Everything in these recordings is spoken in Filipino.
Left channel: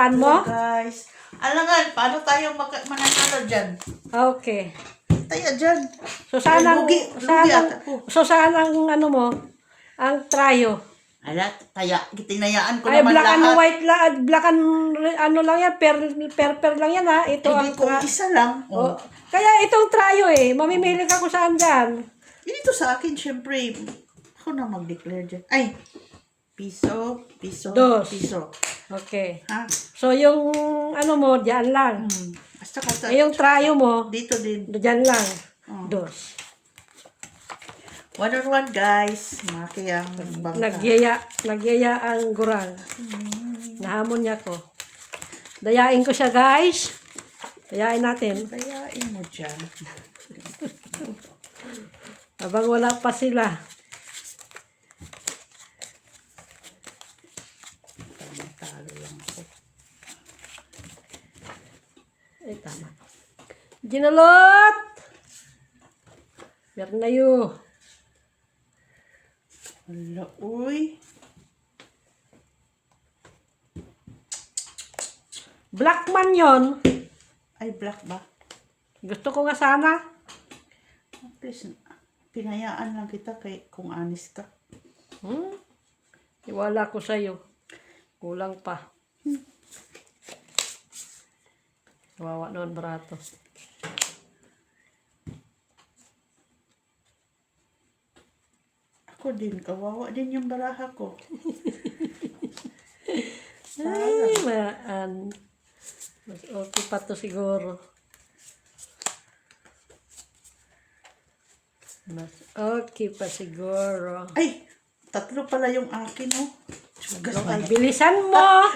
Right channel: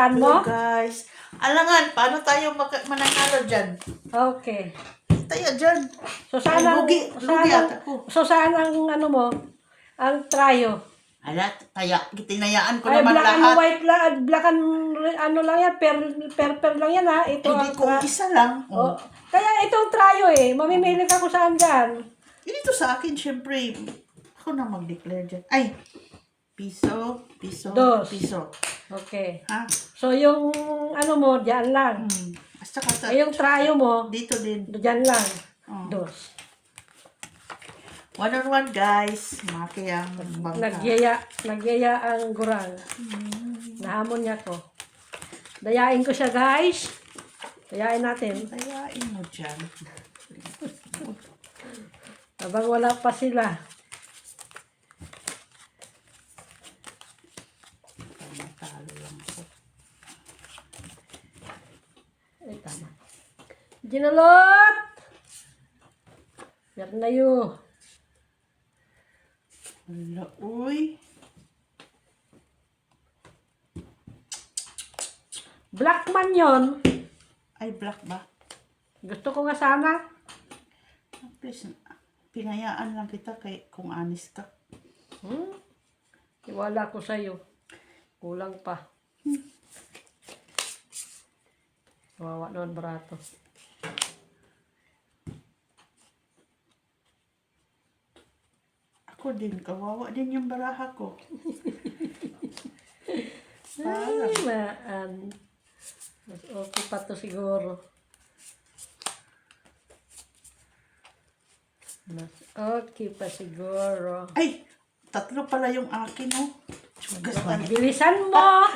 Alagaan mo? Guys. Alangan, paano tayo mananalo dyan? Okay. Tayo dyan. So sana Lugi at ako. so sana ang ano mo, ang tryo. Ala, kaya tinayaan ko Ay, naman black and lahat. white lang, black and ano lang yan, per lang yan ha. Ito Hindi ang ko isa lang. Oh. Kaya itong tryo eh, mamimili ka kung saan dyan. Dito sa akin, syempre, ako na mag-declare dyan. Ay, piso, Dos. piso. Okay. Ha? So yung ano mo, dyan lang. Basta kasa, Yung tryo mo, dito din. dyan lang. Oh. Dos. 1-on-1 guys. Maki ang bangka. Nagyaya ang gurang. Nahamon niya ko. Dayain ko siya guys. Dayain natin. Dayain mo dyan. Habang wala pa sila. Talo lang ako. Ay, tama. Ginalot! Bernayo. Wala, uy. Blackman yon. Ay, black ba? Gusto ko nga sana. Please, pinayaan lang kita kung honest ka. Iwala ko sa'yo. Kulang pa. Kawawa naman barato. Ako din, kawawa din yung baraha ko. Ay, maan. Mas okay pa to siguro. Mas okay pa siguro. Ay, tatlo pala yung akin, oh. Sugas ba yan? Bilisan mo!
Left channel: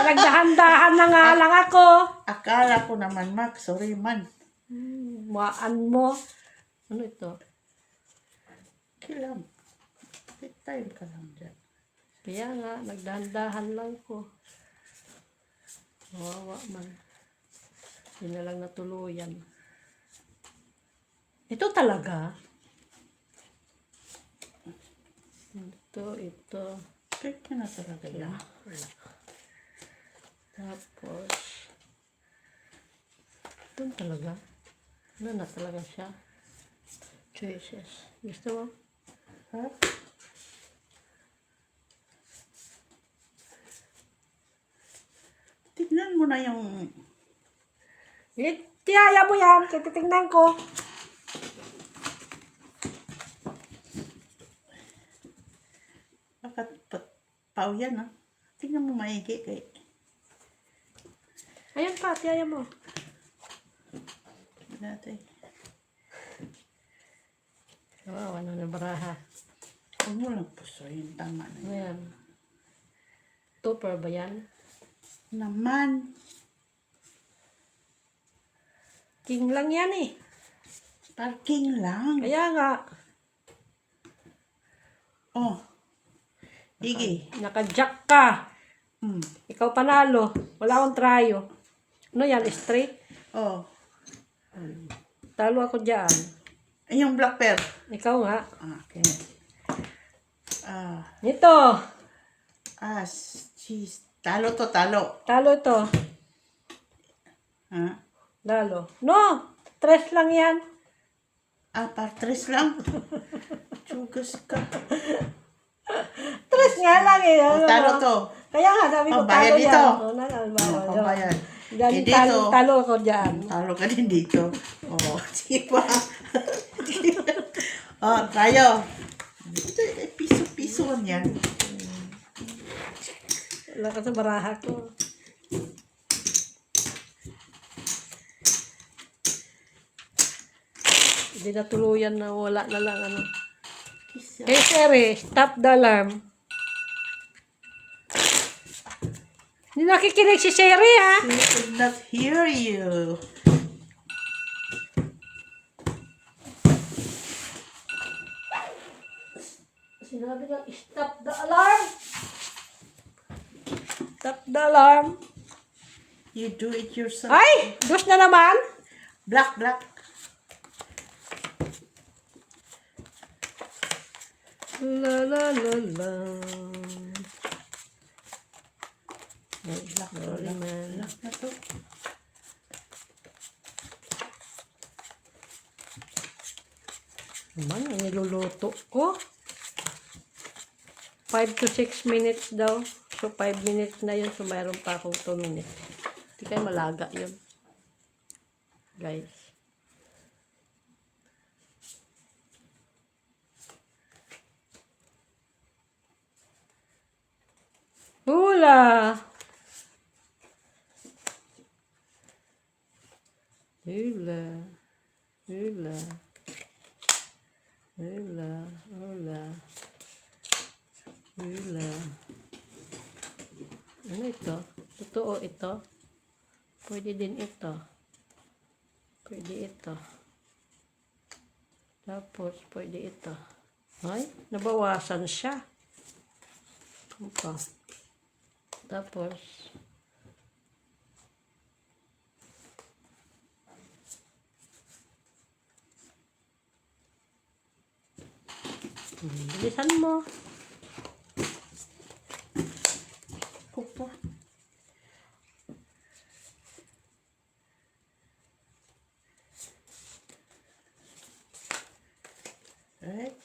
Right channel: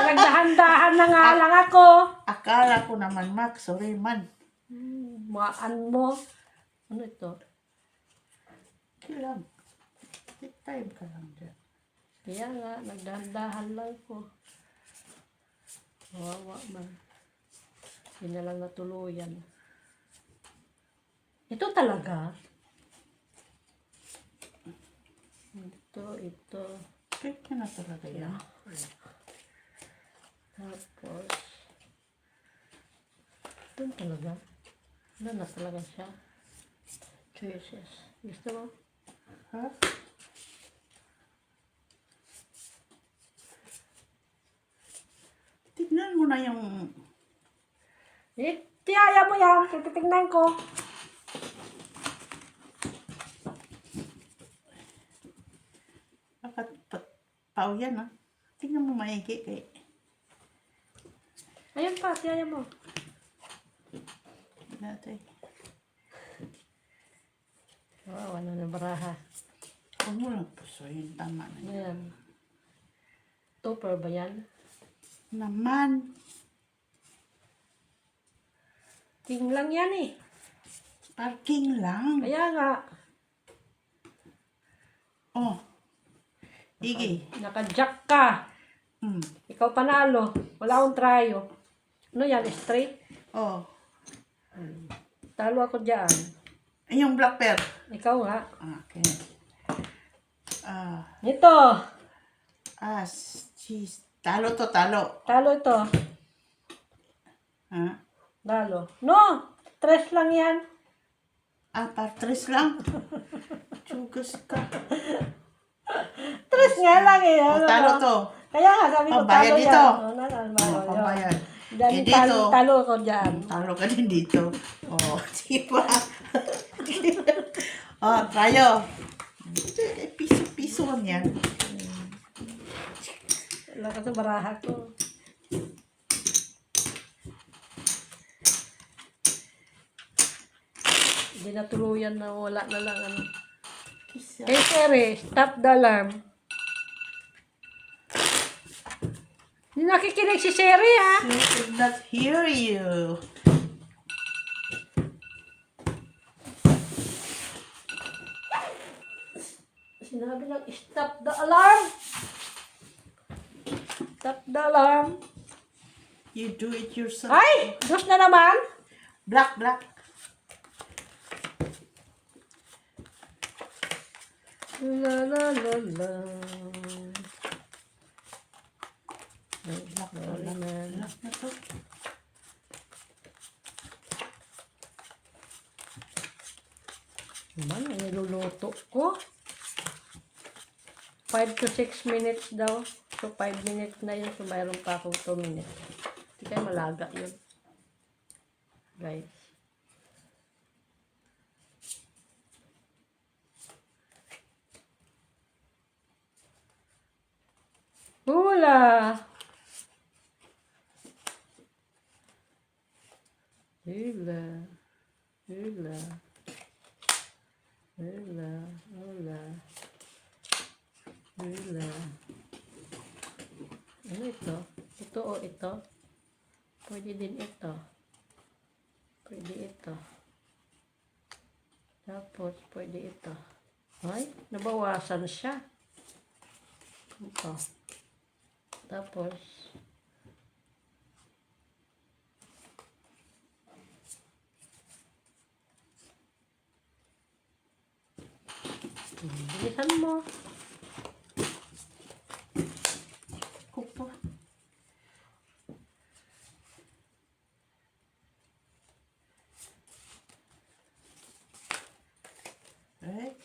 Nagdahan-dahan na nga lang ako. Akala ko naman, Mac. Sorry, man. Maan mo. Ano ito? Kilang. Take time ka lang dyan. Kaya nga, nagdahan-dahan lang ko. Wawa man. Hindi na lang natuluyan. Ito talaga. Ito. Kahit ka na talaga yan. Tapos, ito talaga. Ano na talaga siya? Choices. Gusto mo? Ha? Tignan mo na yung... Tiyaya mo yan. Titignan ko. Bakit pao yan, ha? Tignan mo maigi kay... Ayun pa, tiyaya mo. Natin. Wala na baraha. Huwag mo lang pusoyin. Tama na yan. Ayan. Topper ba yan? Naman. King lang yan eh. Parking lang. Kaya nga. Oh. Igi. Naka-jack ka. Ikaw panalo. Wala akong tryo. Ano yan? Straight? Oh. Talo ako dyan. Ay, yung black pear. Ikaw nga. Okay. Ito. Cheese. Talo to, talo. Talo ito. Ha? Talo. No! 3 lang yan. Tres lang. Chugas ka. 3 nga lang eh. Oh, talo to. Kaya nga sabi ko Pambayad talo dito. yan. Pambayad. Yan, Eh, dito. talo ako dyan. Talo ka din dito. Oh, diba? Oh, tayo. Piso-piso yan. Wala ka sa baraha ko. Hindi na tuluyan na wala na lang ano. Hey Siri, stop the alarm. Hindi nakikinig si Siri ha. She did not hear you. Sinabi lang, stop the alarm. Stop the alarm. You do it yourself. Ay! Dus na naman. Black, black. La la la la. Lock to, Sorry, lock. man. Lock na to. Naman, ang niluluto ko. 5 to 6 minutes daw. So, 5 minutes na yun. So, mayroon pa akong 2 minutes. Hindi kayo malaga yun. Guys. Hula! Hula. Hula. Hula. Hula. Hula. Ano ito? Totoo ito? Pwede din ito. Pwede ito. Tapos, pwede ito. Ay, nabawasan siya. Ito. Tapos, bilisan mo. Cook to. Right?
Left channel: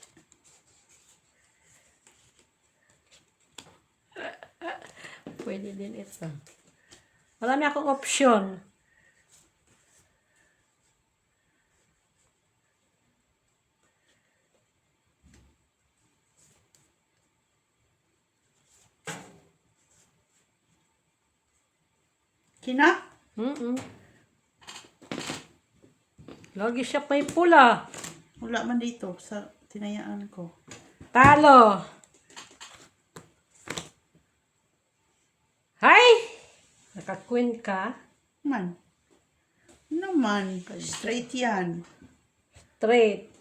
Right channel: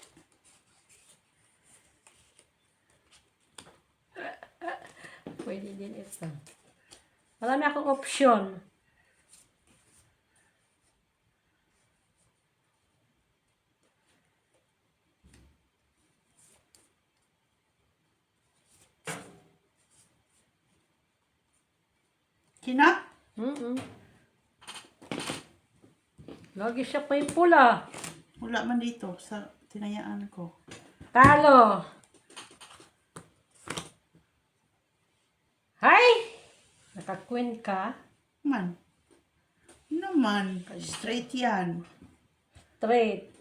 Pwede din ito. Marami akong option. Kina? Lagi siya may pula. Wala man dito sa tinayaan ko. Talo. Hay! Naka-queen ka. Man. Naman. Straight yan. Straight.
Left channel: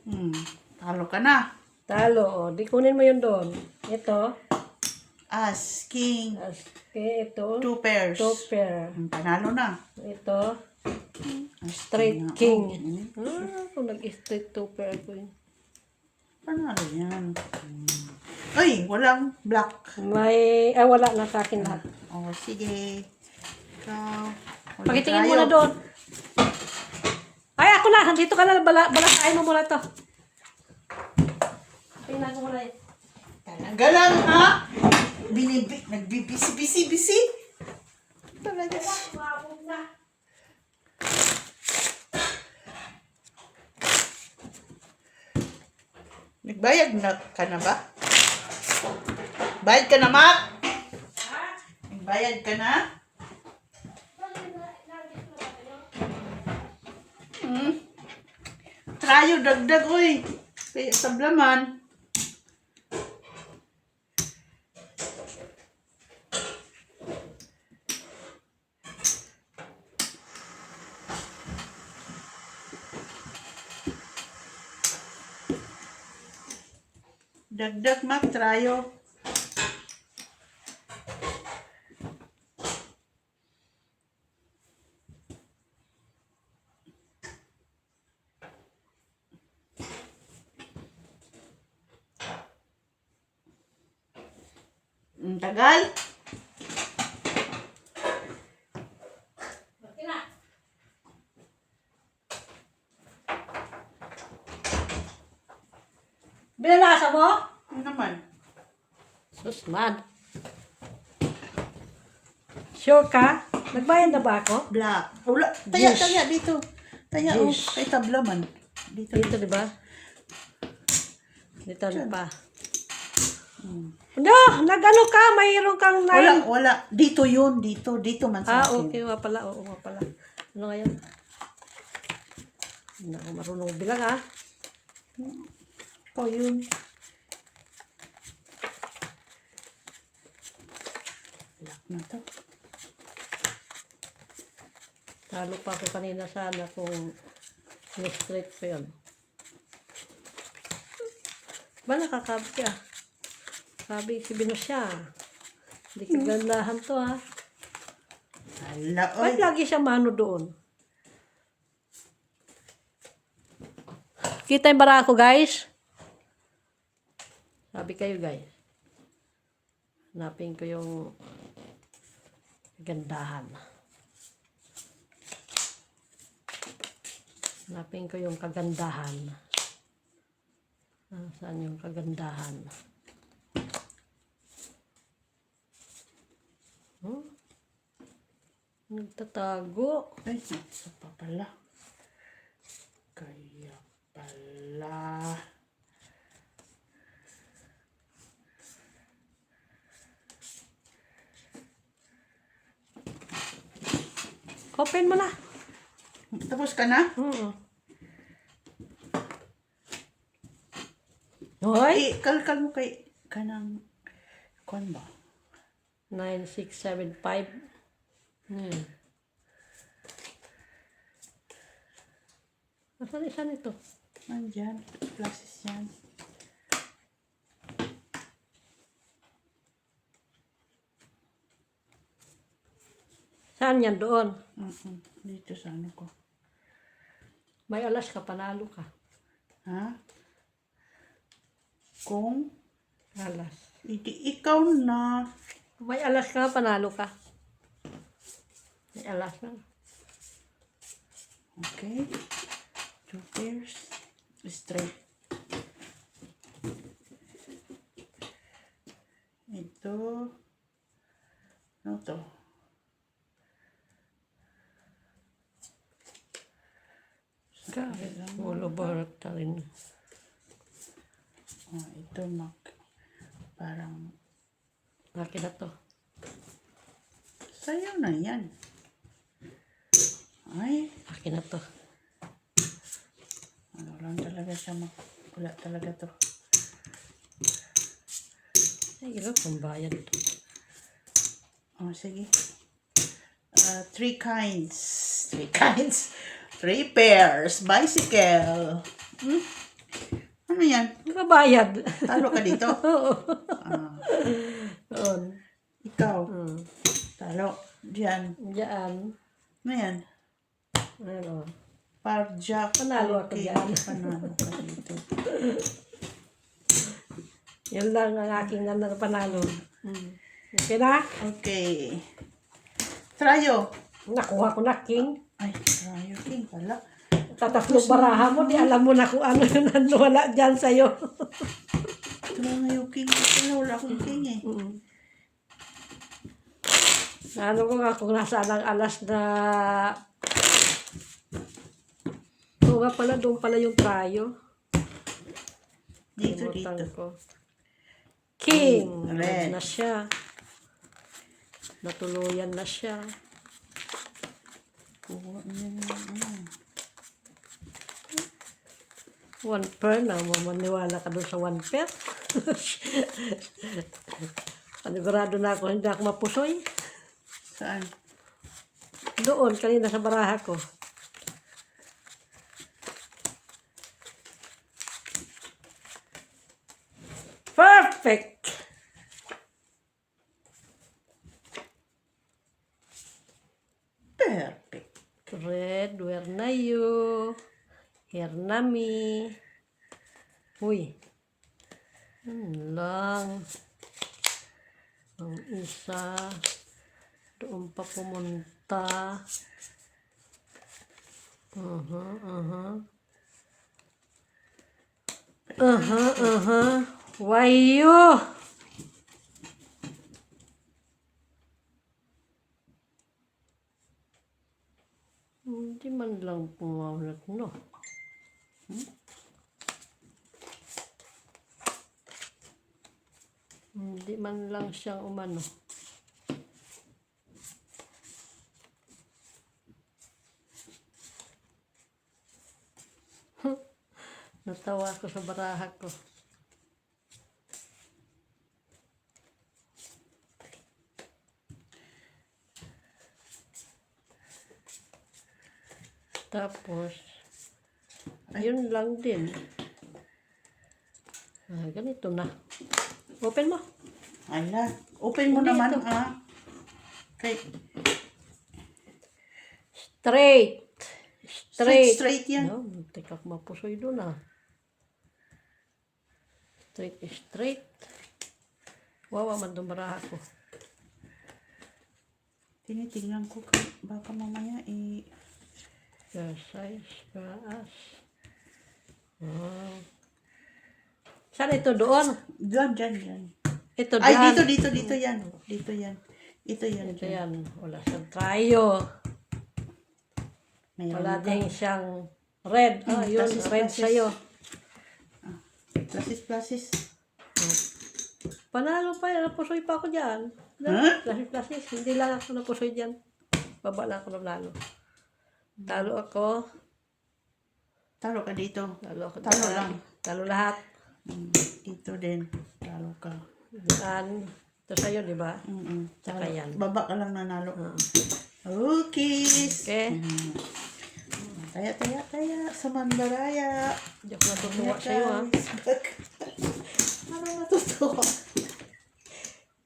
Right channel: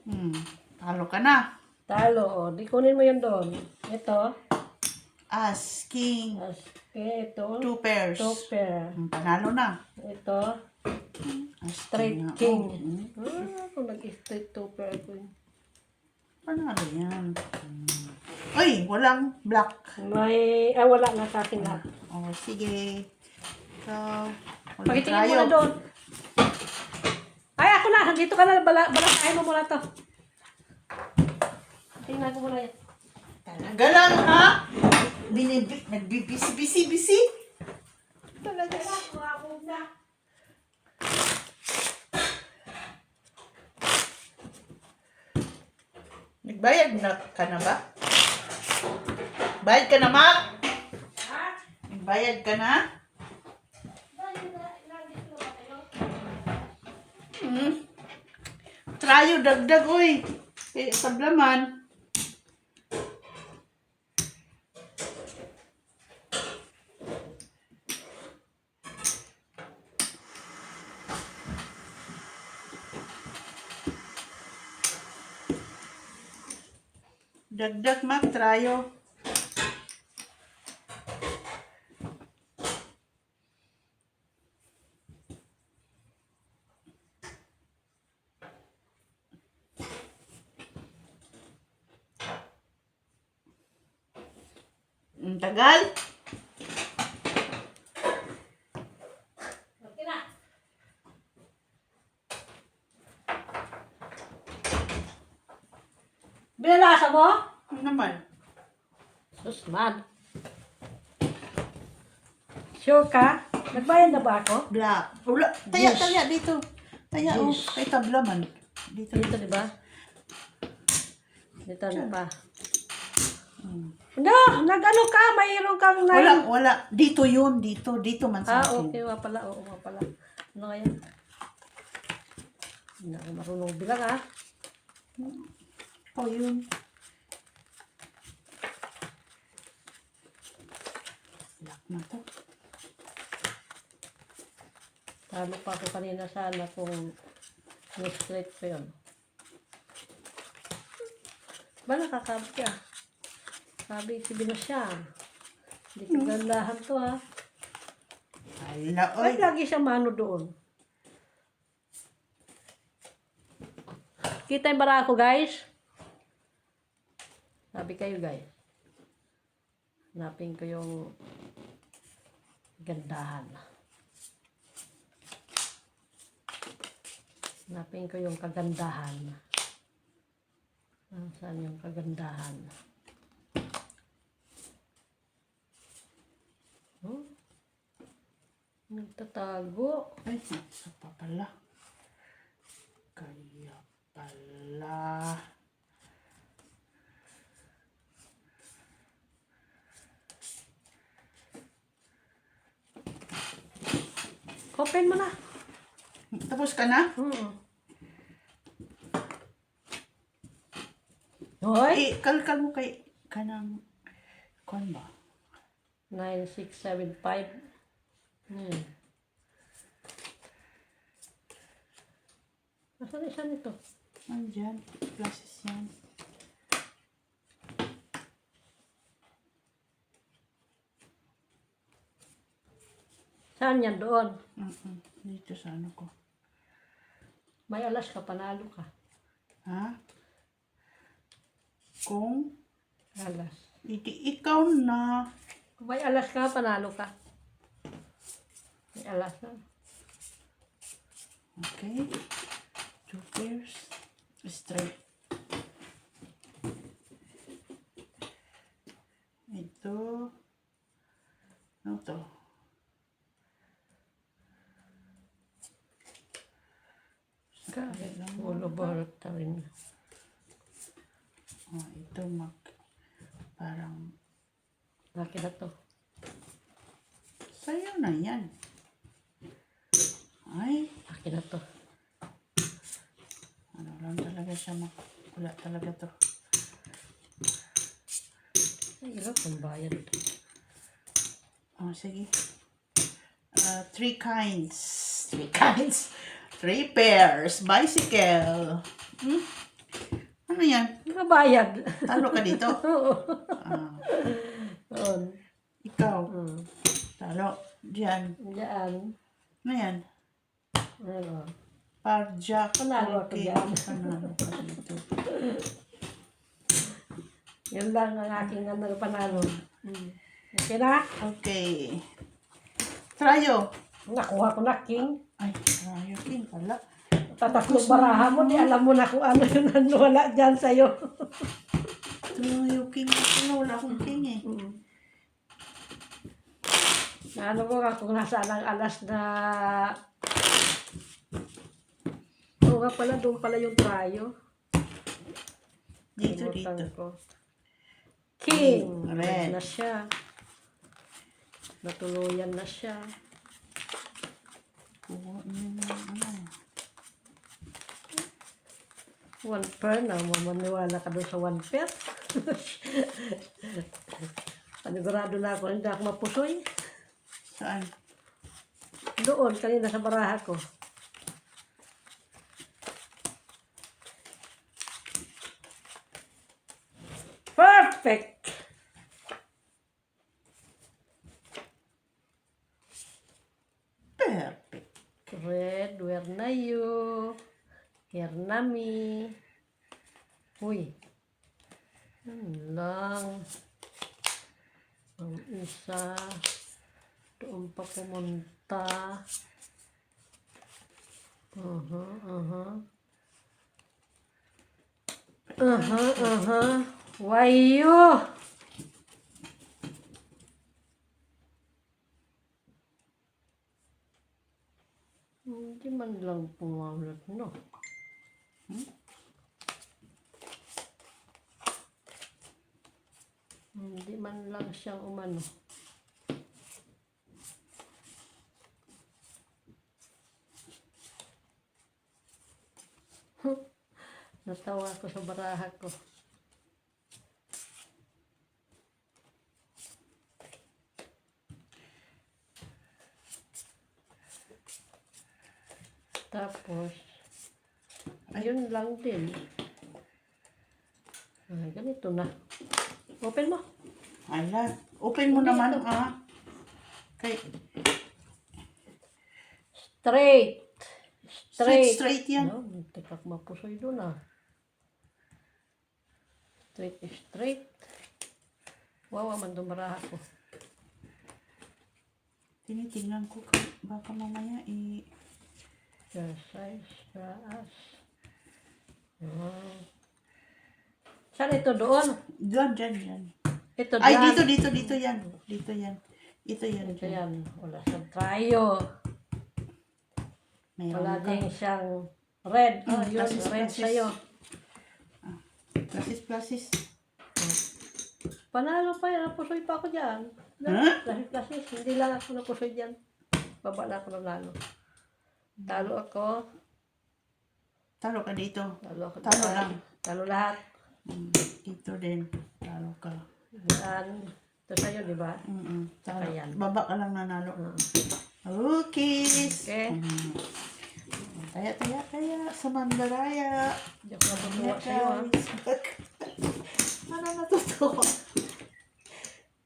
Talo ka na. Talo. O, di kunin mo yun doon. Ito. As, king, Okay, ito. 2 pairs. 2 pair. Panalo na. Ito. As, Straight na. king. Oh, Kung nag-straight 2 pair ko yun. panalo yan. Ay, walang black. Wala na sa akin lahat. Oh, sige. Ikaw. Walang Pakitingin mo tayo. na doon. Ay, ako na. Dito ka na. Balakayin mo muna to. Tingnan mo muna yun. Talaga lang, ha? Nagbibisi-bisi-bisi. Talaga. Nagbayad na ka na ba? Bayad ka na, Mak? Nagbayad ka na? Trayo, dagdag, oy. Kaya sablaman. Dagdag, Mak, trayo. Ang tagal. Okay na. Binalasa mo? Ano naman? Sus, mad. Sure ka? Nagbayad na ba ako? Black. Wala. Taya, Yes. taya dito. Taya, oh. Yes. Kay tablaman. Dito. Dito, di ba? Dito na pa. Hmm. No, nag-ano ka? Mayroon kang Wala. Dito yun. Dito man sa akin. okay. Nga pala. Oo, nga pala. Ano ngayon? Hindi ako marunong bilang, ha? Oh, yun. Black na to. Talo pa ako kanina sana kung straight pa yun. Ba, nakakabi ka? Sabi si Binosya. Hindi kagandahan to, ha? Hala, Ay, oy. lagi siya mano doon. Kita yung bara ako, guys? Sabi kayo, guys. Hanapin ko yung Gandahan. Hanapin ko yung kagandahan. Saan yung kagandahan? Nagtatago. Ay, isa pa pala. Kaya pala. Open mo na. Tapos ka na? Hoy! Kalkal mo kay kanang kon ba? 9675. Asan isa nito? Nandyan. Classes yan. Saan yan doon? Dito sa ano ko. May alas ka, panalo ka. Ha? Kung Alas. ikaw na. May alas ka, panalo ka. May alas na. Okay. 2 pairs. Straight. Ito. Ano to? Ulo barot na rin. Ito parang Laki na to. sayo na yan. Ay, Laki na to. ano lang talaga siya wala talaga to. Ay, hirap ang bayad. Sige. 3 kinds. 3 kinds. 3 pairs. Bicycle. Ano yan? Mga bayad. Talo ka dito? Doon. Ikaw. Talo. Diyan. Diyan. Ano yan? Ano? Parjak. Panalo ako dyan. Panalo ka dito. Yun lang ang aking panalo. Okay na? Okay. Trayo. Nakuha ko na, King. Ay, Trayo King pala. Tatakbo baraha mo, di alam mo na kung ano yung nanwala dyan sa'yo. Trayo King. Wala akong King eh. Ano ko nga kung nasa alas na... Oo nga pala, doon pala yung trayo. Dito, Kalimutan dito. ko. King! Red. Na siya. Natuluyan na siya. Kuha niya ano. 1 pair na, mamaniwala ka doon sa 1 pair. Panigurado na ako, hindi ako mapusoy. Saan? Doon, kanina sa baraha ko. Perfect! Perfect. Red, where na you? Here na me. Uy. Yun lang. Ang isa. Doon pa pumunta. Wayo! Hindi man lang pumalat, no? Hindi man lang siyang umano. Natawa ko sa baraha ko. Tapos, yun lang din. Ganito na. Open mo. Ala. Open mo naman Okay. Straight. Straight. Straight yan. No, teka ko mapusoy doon Straight is straight. Wawa man doon baraha ko. Tinitingnan ko baka mamaya Size, taas. Saan ito doon? Dyan. Ito Ay, dyan. dito yan. Ito yan. Ito dyan. yan. Wala siyang tryo. Mayroon Wala ka. din siyang red. Yun, Plasis, red plasis. sa'yo. Plasis. Panalo pa yan. Napusoy pa ako dyan. Huh? Plasis. Hindi lang ako napusoy dyan. Baba na ako nanalo. Talo ako. Talo ka dito. Talo ako. Talo lang. Talo lahat. Dito din. Talo ka. Diyan. Ito sa'yo, di ba? Talo. Saka yan. Baba ka lang nanalo. Cookies. Okay. Taya. Sa Mandaraya. Hindi ako natutuwa sa'yo, ha? Ano natutuwa?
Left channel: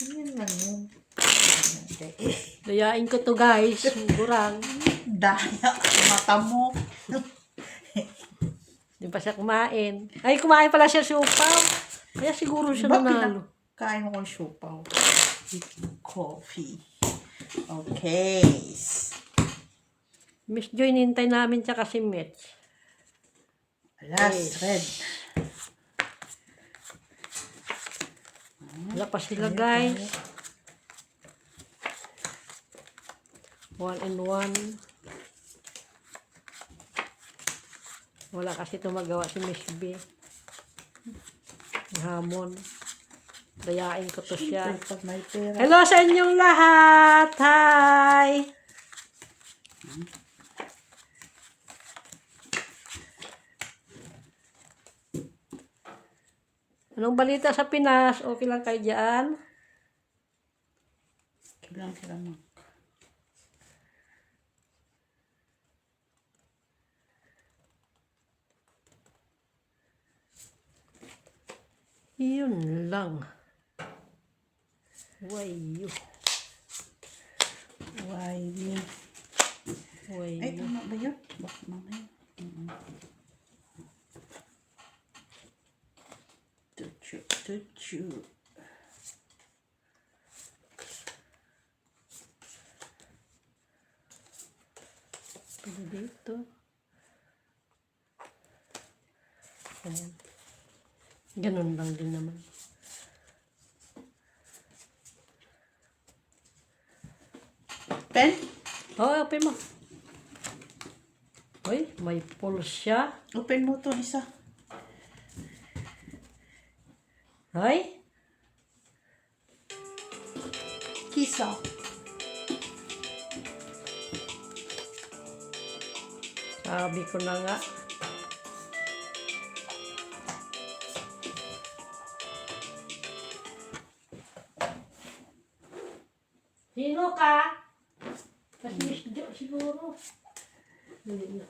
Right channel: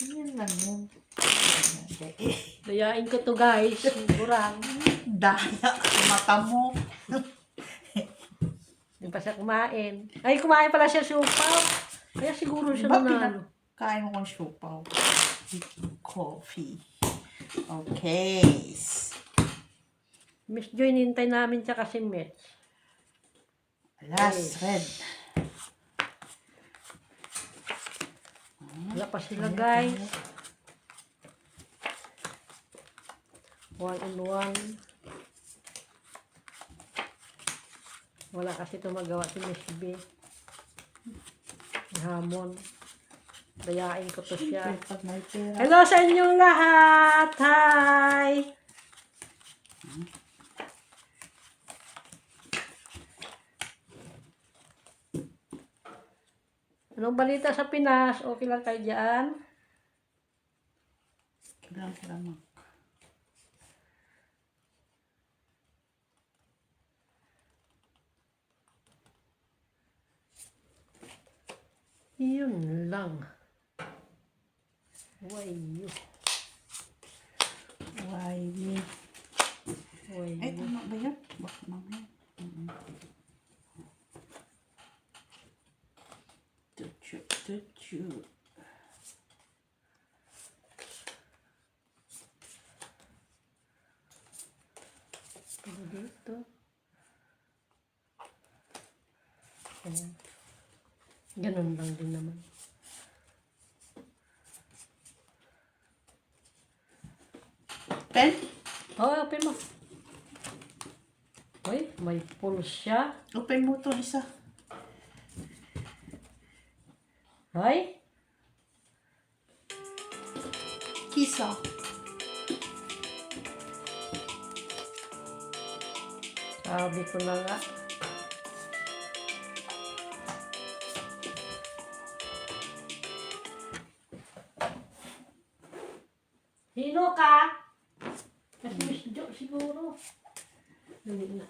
Yan lang yun. Dayain ko to, guys. Kurang. Daya sa mata mo. Hindi pa siya kumain. Ay, kumain pala siya siupaw. Kaya siguro siya Diba nanalo. pinakain mo kong siupaw? Coffee. Okay. Miss Joy, nintay namin siya kasi Mitch. Last red. Wala pa sila, guys. 1 and 1. Wala kasi ito magawa si Miss B. Hamon. Dayain ko to siya. Siyempre, pag may pera. Hello sa inyong lahat! Hi! Anong balita sa Pinas? Okay lang kayo dyan? Kailangan mo. Yun lang. Why you? Why me? Why Ay, you? tama ba yun? Baka mamaya. Tuchu. Ano dito? Ayan. Ganun lang din naman. Pen? Open mo. Uy, may pull siya. Open mo to isa. Ay, Kisa. sabi ko na nga. Sino ka? Kasi Miss Jo siguro. Hindi na.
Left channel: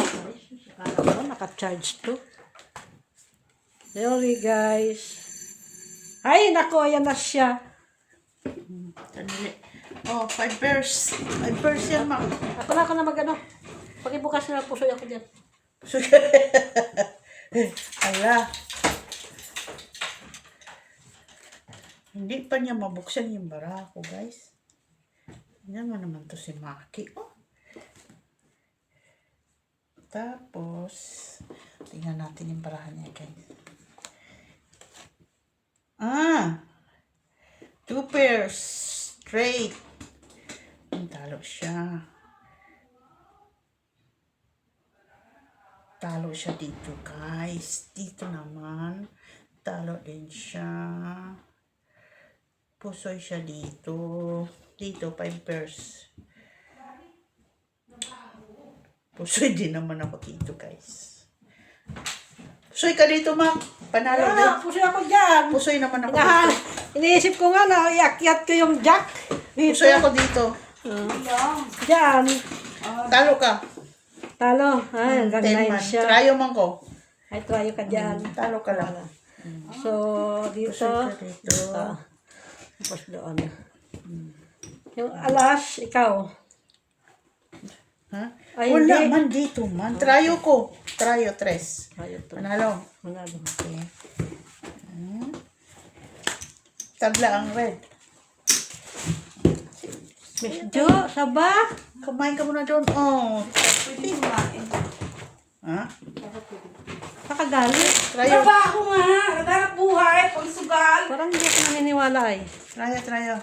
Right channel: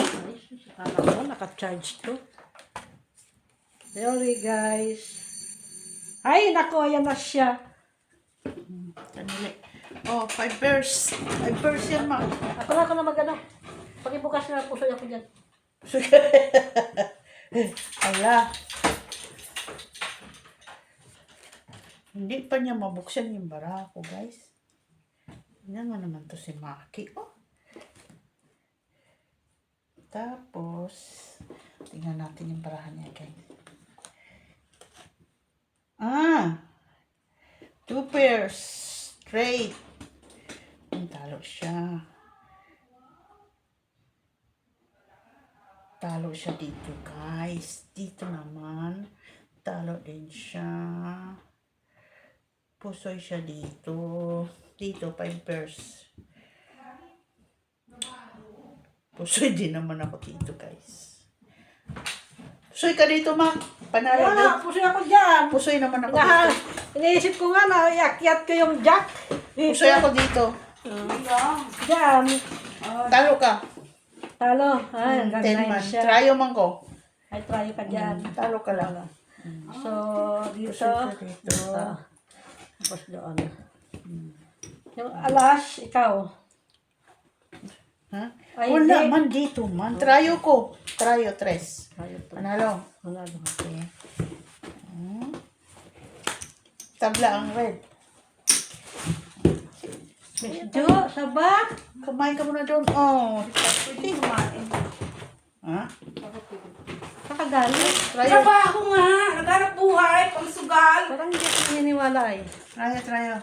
Ay, akala ko naka-charge to. Sorry guys. Ay, nako, ayan na siya. Kanili. Oh, 5 pairs. 5 pairs yan, ma'am. Ako na mag-ano. Pakibukas na pusoy ako dyan. Ala. Hindi pa niya mabuksan yung barako, guys. Tingnan mo naman to si Maki. Oh. Tapos, tingnan natin yung barahan niya, guys. 2 pairs. Straight. Talo siya. Talo siya dito, guys. Dito naman. Talo din siya. Pusoy siya dito. Dito, 5 pairs. Pusoy din naman ako dito, guys. Pusoy ka dito, Mac. Panalo din. Wala, pusoy ako dyan. Pusoy naman ako dito. Iniisip ko nga na iakyat ko yung jack. Pusoy ako dito. Diyan. Talo ka. Talo. Ay, 10 ganda man. siya. Tryo man ko. Ay, try ka dyan. Talo ka lang. So, dito. Pusoy ka dito. Tapos doon. Yung alas, ikaw. Ha? Ay, Wala hindi. man dito, man. Tryo ko. Tryo, 3. Ay, ito. Panalo. Manalo. Okay. Tabla ang red. Miss Jo, saba. Kumain ka muna doon. Oh. Pwede kumain. Ha? Nakagalit. Tryo. Trabaho nga! Naghanap buhay! Pangsugal! Parang hindi ko naniniwala ay. Tryo.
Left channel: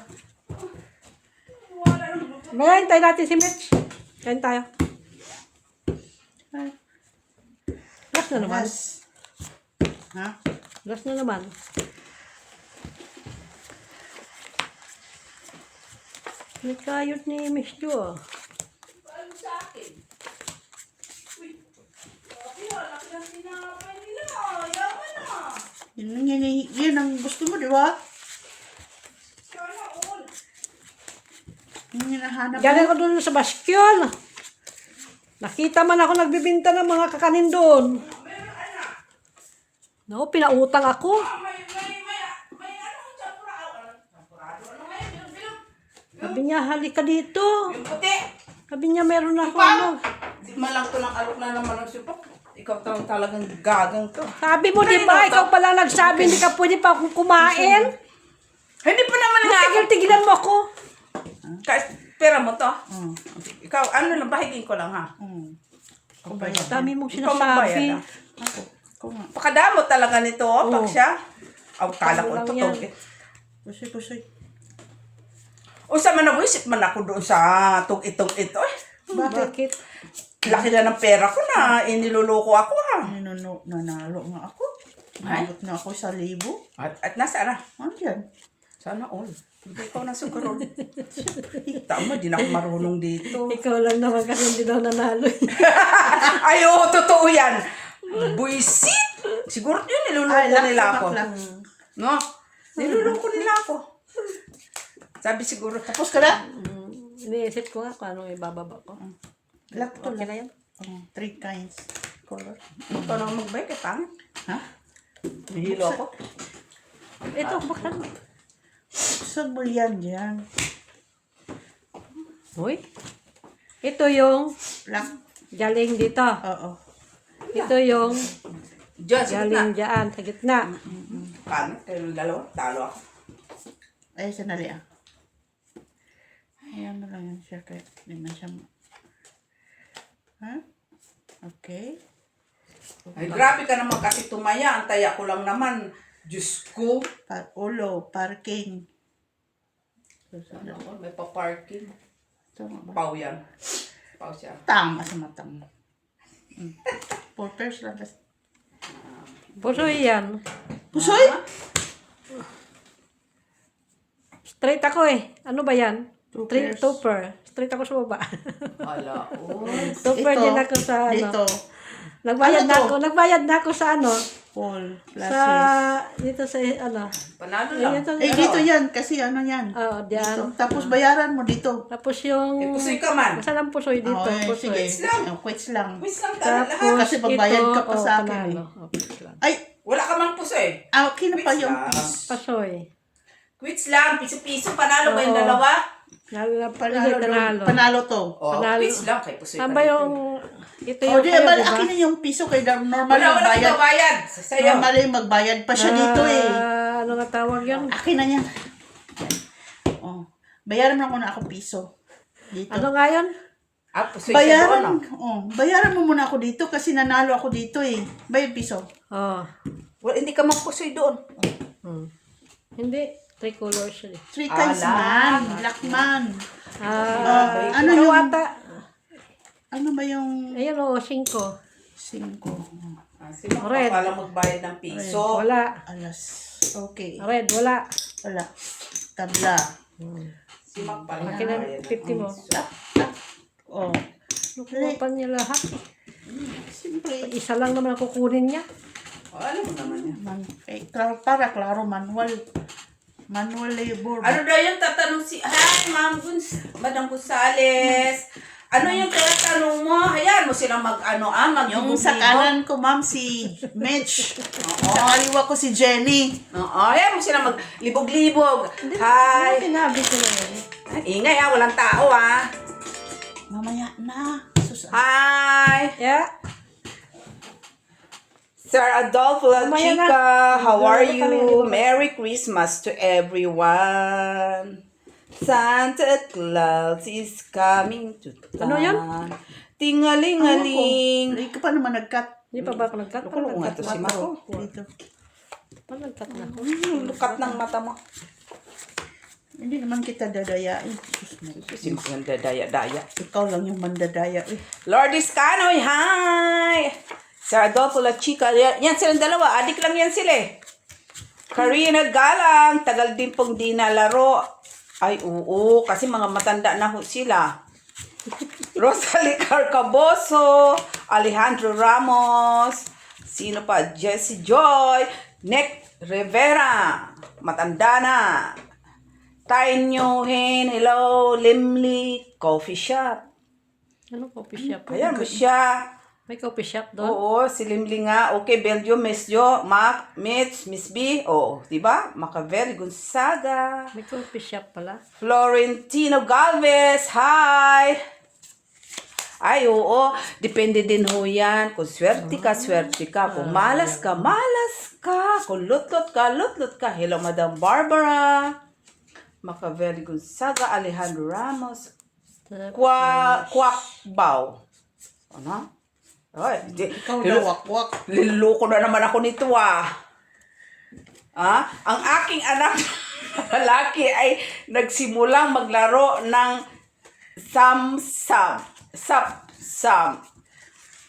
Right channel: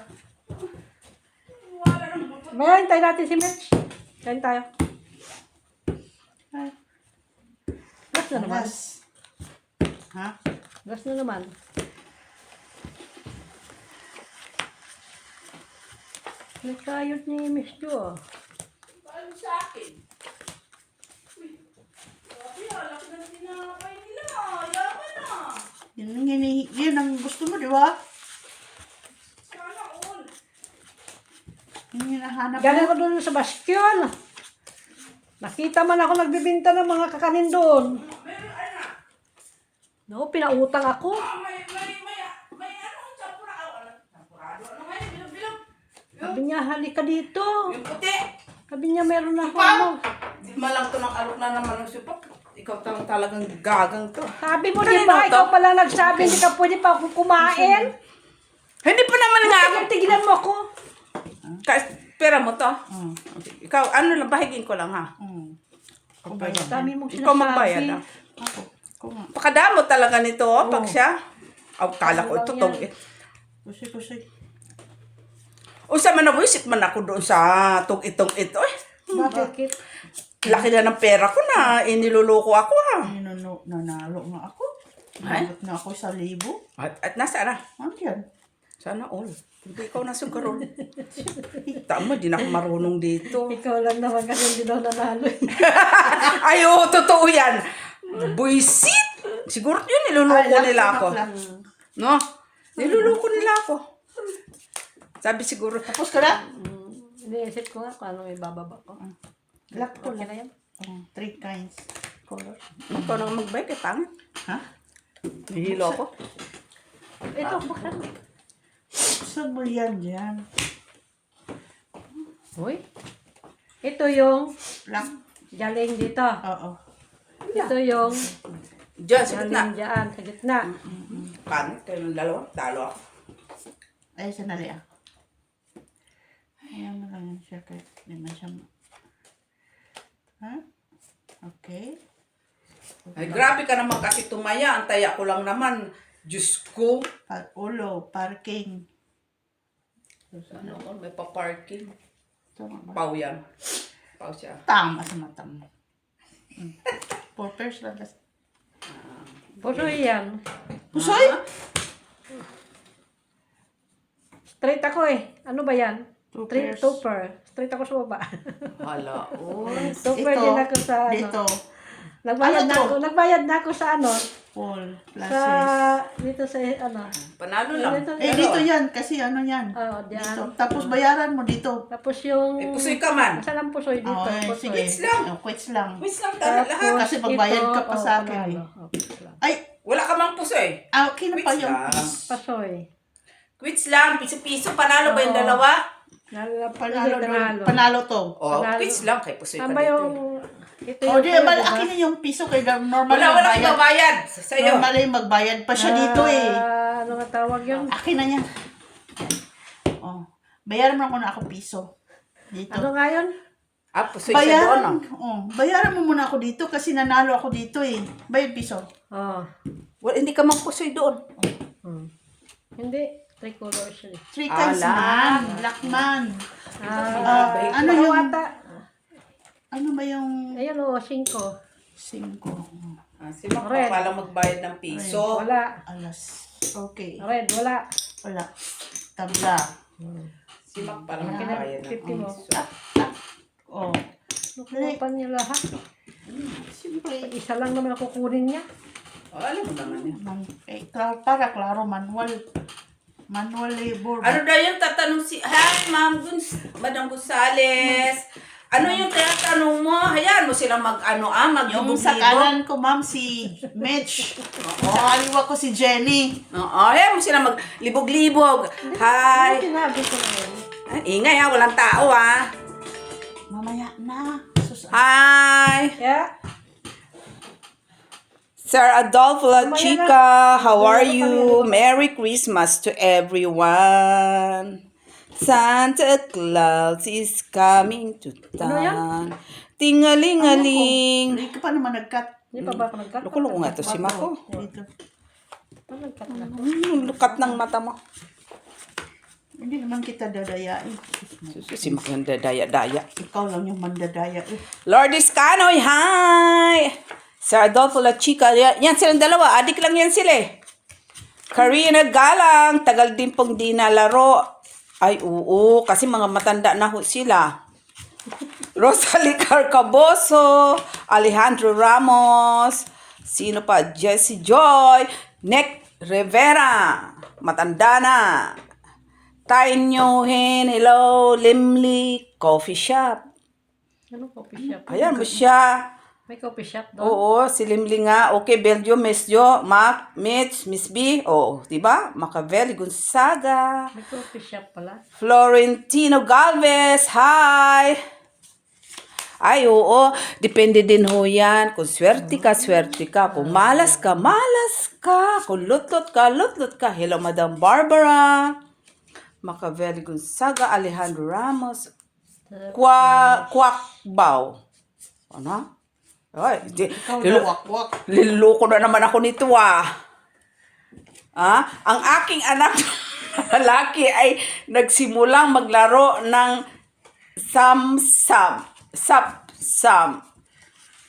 Wala naman. Maya, hintayin natin si Mitch. Kain tayo. Ay, Last na naman. Alas. Ha? Last na naman. May kayot ni Miss Jo. Paano sa akin? Uy! Grabe ah! Laki ng tinapay nila ah! Yaman ah! Yun ang gusto mo, di ba? Sana all! Yung hinahanap Galing mo. ko doon sa bastion. Nakita man ako nagbibinta ng mga kakanin doon. Meron anak! No, pinautang ako. May ano? Champurado? Ano ngayon? Bilang? Sabi niya, halika dito. Yung puti! Sabi niya, meron ako ano. Tikma lang to ng alok na naman ng sipak. Ikaw talagang gagang to. Sabi mo, di ba? Ikaw pala nagsabi, hindi ka pwede pa akong kumain. Hindi pa naman nga ako. Tigil-tigilan mo ako. Pera mo to. Oh. Ikaw, ano lang, bahigin ko lang ha. Kumayan. Dami mong Ikaw magbayad sinasabi. ha. Ako. Kuma. Pakadamo talaga nito, oh, Oo. pag siya. Oh, kala ko Ano ito, lang tog. Pusoy. Usa man nabuisit man ako doon sa tog-itog ito eh. Bakit? Laki na ng pera ko na iniluluko ako ha. Nanalo nga ako. Ay? Nalot na ako 1,000. At nasaan na? Andiyan. Sana all. Hindi ikaw na siguro. Tama, di na ako marunong dito. Ikaw lang naman kasi hindi daw nanalo. Ay, oo, totoo yan. Buisit! Siguro yun, niluluko nila ako. No? Niluluko nila ako. Sabi siguro, Tapos ka na? Iniisip ko nga paano ibababa ko. Black to Okay lang. na yan? 3 kinds. Color. ikaw naman magbike, pangit. Ha? Nihilo ako. Ito, buksan mo. Saan mo yan dyan? Uy. Ito yung Black? galing dito. Oo. Ito yung Diyan, sa gitna. galing dyan sa gitna. Pangit, kayong dalawa. Talo ako. Ay, sanali ah. Ayan na lang yan siya. Kaya hindi man siya Ha? Okay. Ay, grabe ka naman kasi tumaya. Ang taya ko lang naman. Diyos ko. Ulo, parking. Ano ako, may pa-parking. Tama ba? Pau yan. Pau siya. Tama sa mata mo. 4 pairs lang kasi. Pusoy yan. Pusoy? Straight ako eh. Ano ba yan? 2 Straight pairs. topper. Straight ako sa baba. Hala. Uy. Topper Ito, din ako sa ano. dito. Nagbayad Ano na to? ako. Nagbayad na ako sa ano. Paul, Sa, classes. dito sa ano. Panalo lang. Dito yan. Kasi ano yan. Oh, Dito. diyan. Tapos bayaran mo dito. Tapos yung... Eh, pusoy ka man. Saan ang pusoy dito? Oh, eh, Pusoy. sige. Quits lang. Quits lang. Miss lang tayo Tapos lahat. Kasi magbayad ito, ka pa sa akin panalo. eh. Oh, quits lang. Ay, Wala ka mang pusoy. okay na pa Quits yung lang. piece. Pasoy. Quits lang. Piso-piso. Panalo ba yung Oo. dalawa? Panalo, Hindi, doon. Panalo to. Oh, Panalo. quits lang. Kay pusoy ka Saan ba dito. yung... Ito O, yung... di ba, akin na yung piso kay normal Wala magbayad. bayad. Sa'yo. Normal yung magbayad pa siya dito eh. Ano nga tawag yun? Akin na yan. Yan. Oh. Bayaran mo na ako piso. Dito. Ano nga yun? Ah, pusoy siya doon. Bayaran mo muna ako dito kasi nanalo ako dito eh. Bayad piso. Oh. Well, hindi ka magpusoy doon. Hindi. 3 colors yun eh. 3 kinds Ala. man. Black man. Ano Ano yung... ata? Ano ba yung... Ayun o, 5. 5? Ah, si Mac Red. pala magbayad ng piso. Wala. Alas. Okay. Red, wala. Wala. Tabla. Si Mac pala Akin na, magbayad ng 50 mo. piso. Oh. Nakukupan niya lahat. Siyempre. Isa lang naman ang kukunin niya. Oh, alam mo naman yan. Para klaro, manual. Manual labor. Ano daw yung tatanong si... Hi, Madam Gonzales. Ano yung tinatanong mo? Hayaan mo silang Yung sa kanan ko, ma'am, si Mitch. Sa kaliwa ko, si Jenny. Oo, hayaan mo silang maglibog-libog. Hi. Sinabi ko na yun. Ingay ha, walang tao ha. Mamaya na. Sus, Hi. Yeah. Sir Adolfo La Mamaya Chica, na. how are Mamaya na you? Merry Christmas to everyone. Santa Claus is coming to Ano yan? town. Tingalingaling. Hindi ka pa naman nag-cut. Hindi pa ba ako nag-cut? Naku, naku nga to si Mako. Dito. Ano nag-cut na ako? Lukat ng mata mo. Hindi naman kita dadayain. Diyos mo. Si Mako yung dadaya-daya. Ikaw lang yung mandadaya. Lourdes Canoy, hi! Sir Adolfo La Chica. Yan silang dalawa. Adik lang yan sila eh. Karina Galang. Tagal din pong di nalaro. Ay, oo. Kasi mga matanda na ho sila. Rosalie Carcaboso. Alejandro Ramos. Sino pa? Jessie Joy. Nick Rivera. Matanda na. Tainyo Hin. Hello. Limli. Coffee shop. Ano coffee shop? Ayan mo siya. May coffee shop doon? Oo, si Limli nga. Okay, Belgium, Miss Jo, Mac, Mitch, Miss B. Oo, diba? Machiavelli Gonzaga. May coffee shop pala. Florentino Galvez, hi! Ay, oo. Depende din ho yan. Kung swerte ka, swerte ka. Kung malas ka, malas ka. Kung lutlot ka, lutlot ka. Hello, Madam Barbara. Machiavelli Gonzaga, Alejandro Ramos. Kwakbaw. Ano? Ay, Ikaw na wakwak. Liloko na naman ako nito Ang aking anak na lalaki ay nagsimulang maglaro ng samsam. Sap-sam.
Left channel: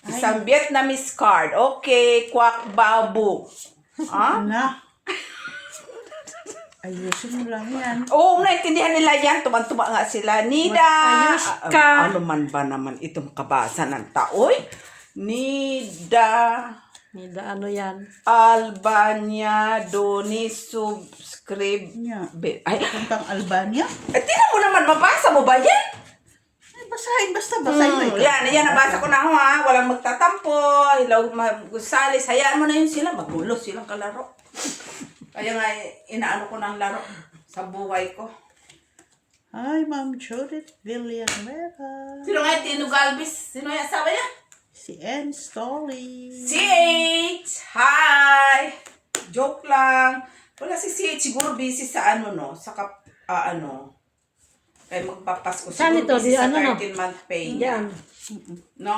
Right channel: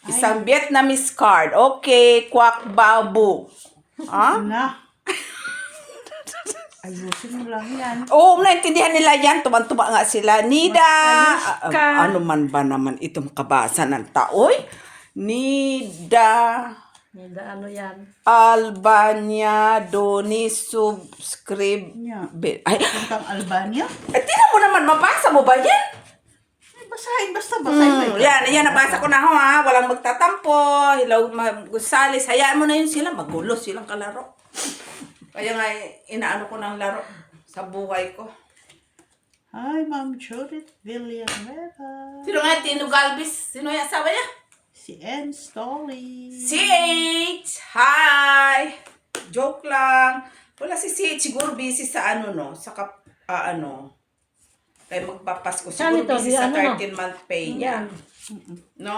Isang Vietnamese card. Okay, kwak babu. Na. Ayusin mo lang yan. Oo, naintindihan nila yan. Tuman-tuma nga sila. Nida. Ayos ka. Ano man ba naman itong kabasa ng taoy? Nida. Nida, ano yan? Albania Doni subscribe. Nya. Ay, Puntang Albania? tingnan mo naman, mabasa mo ba yan? Ay, basahin. Basta basahin mo. Yan, nabasa ko na ho Walang magtatampo. Hello, Gonzales. Hayaan mo na yun sila. Magulo silang kalaro. Kaya nga, inaano ko ng laro sa buhay ko. Hi, Ma'am Judith Villanueva. Sino nga yung Tino Galvis? Sino yung asawa niya? Si Ann Stolly. CH! Hi! Joke lang. Wala si CH. Siguro busy sa Sa Kaya magpapasko. Saan Siguro ito? busy sa Ano, no? 13-month pay niya. Yan. No?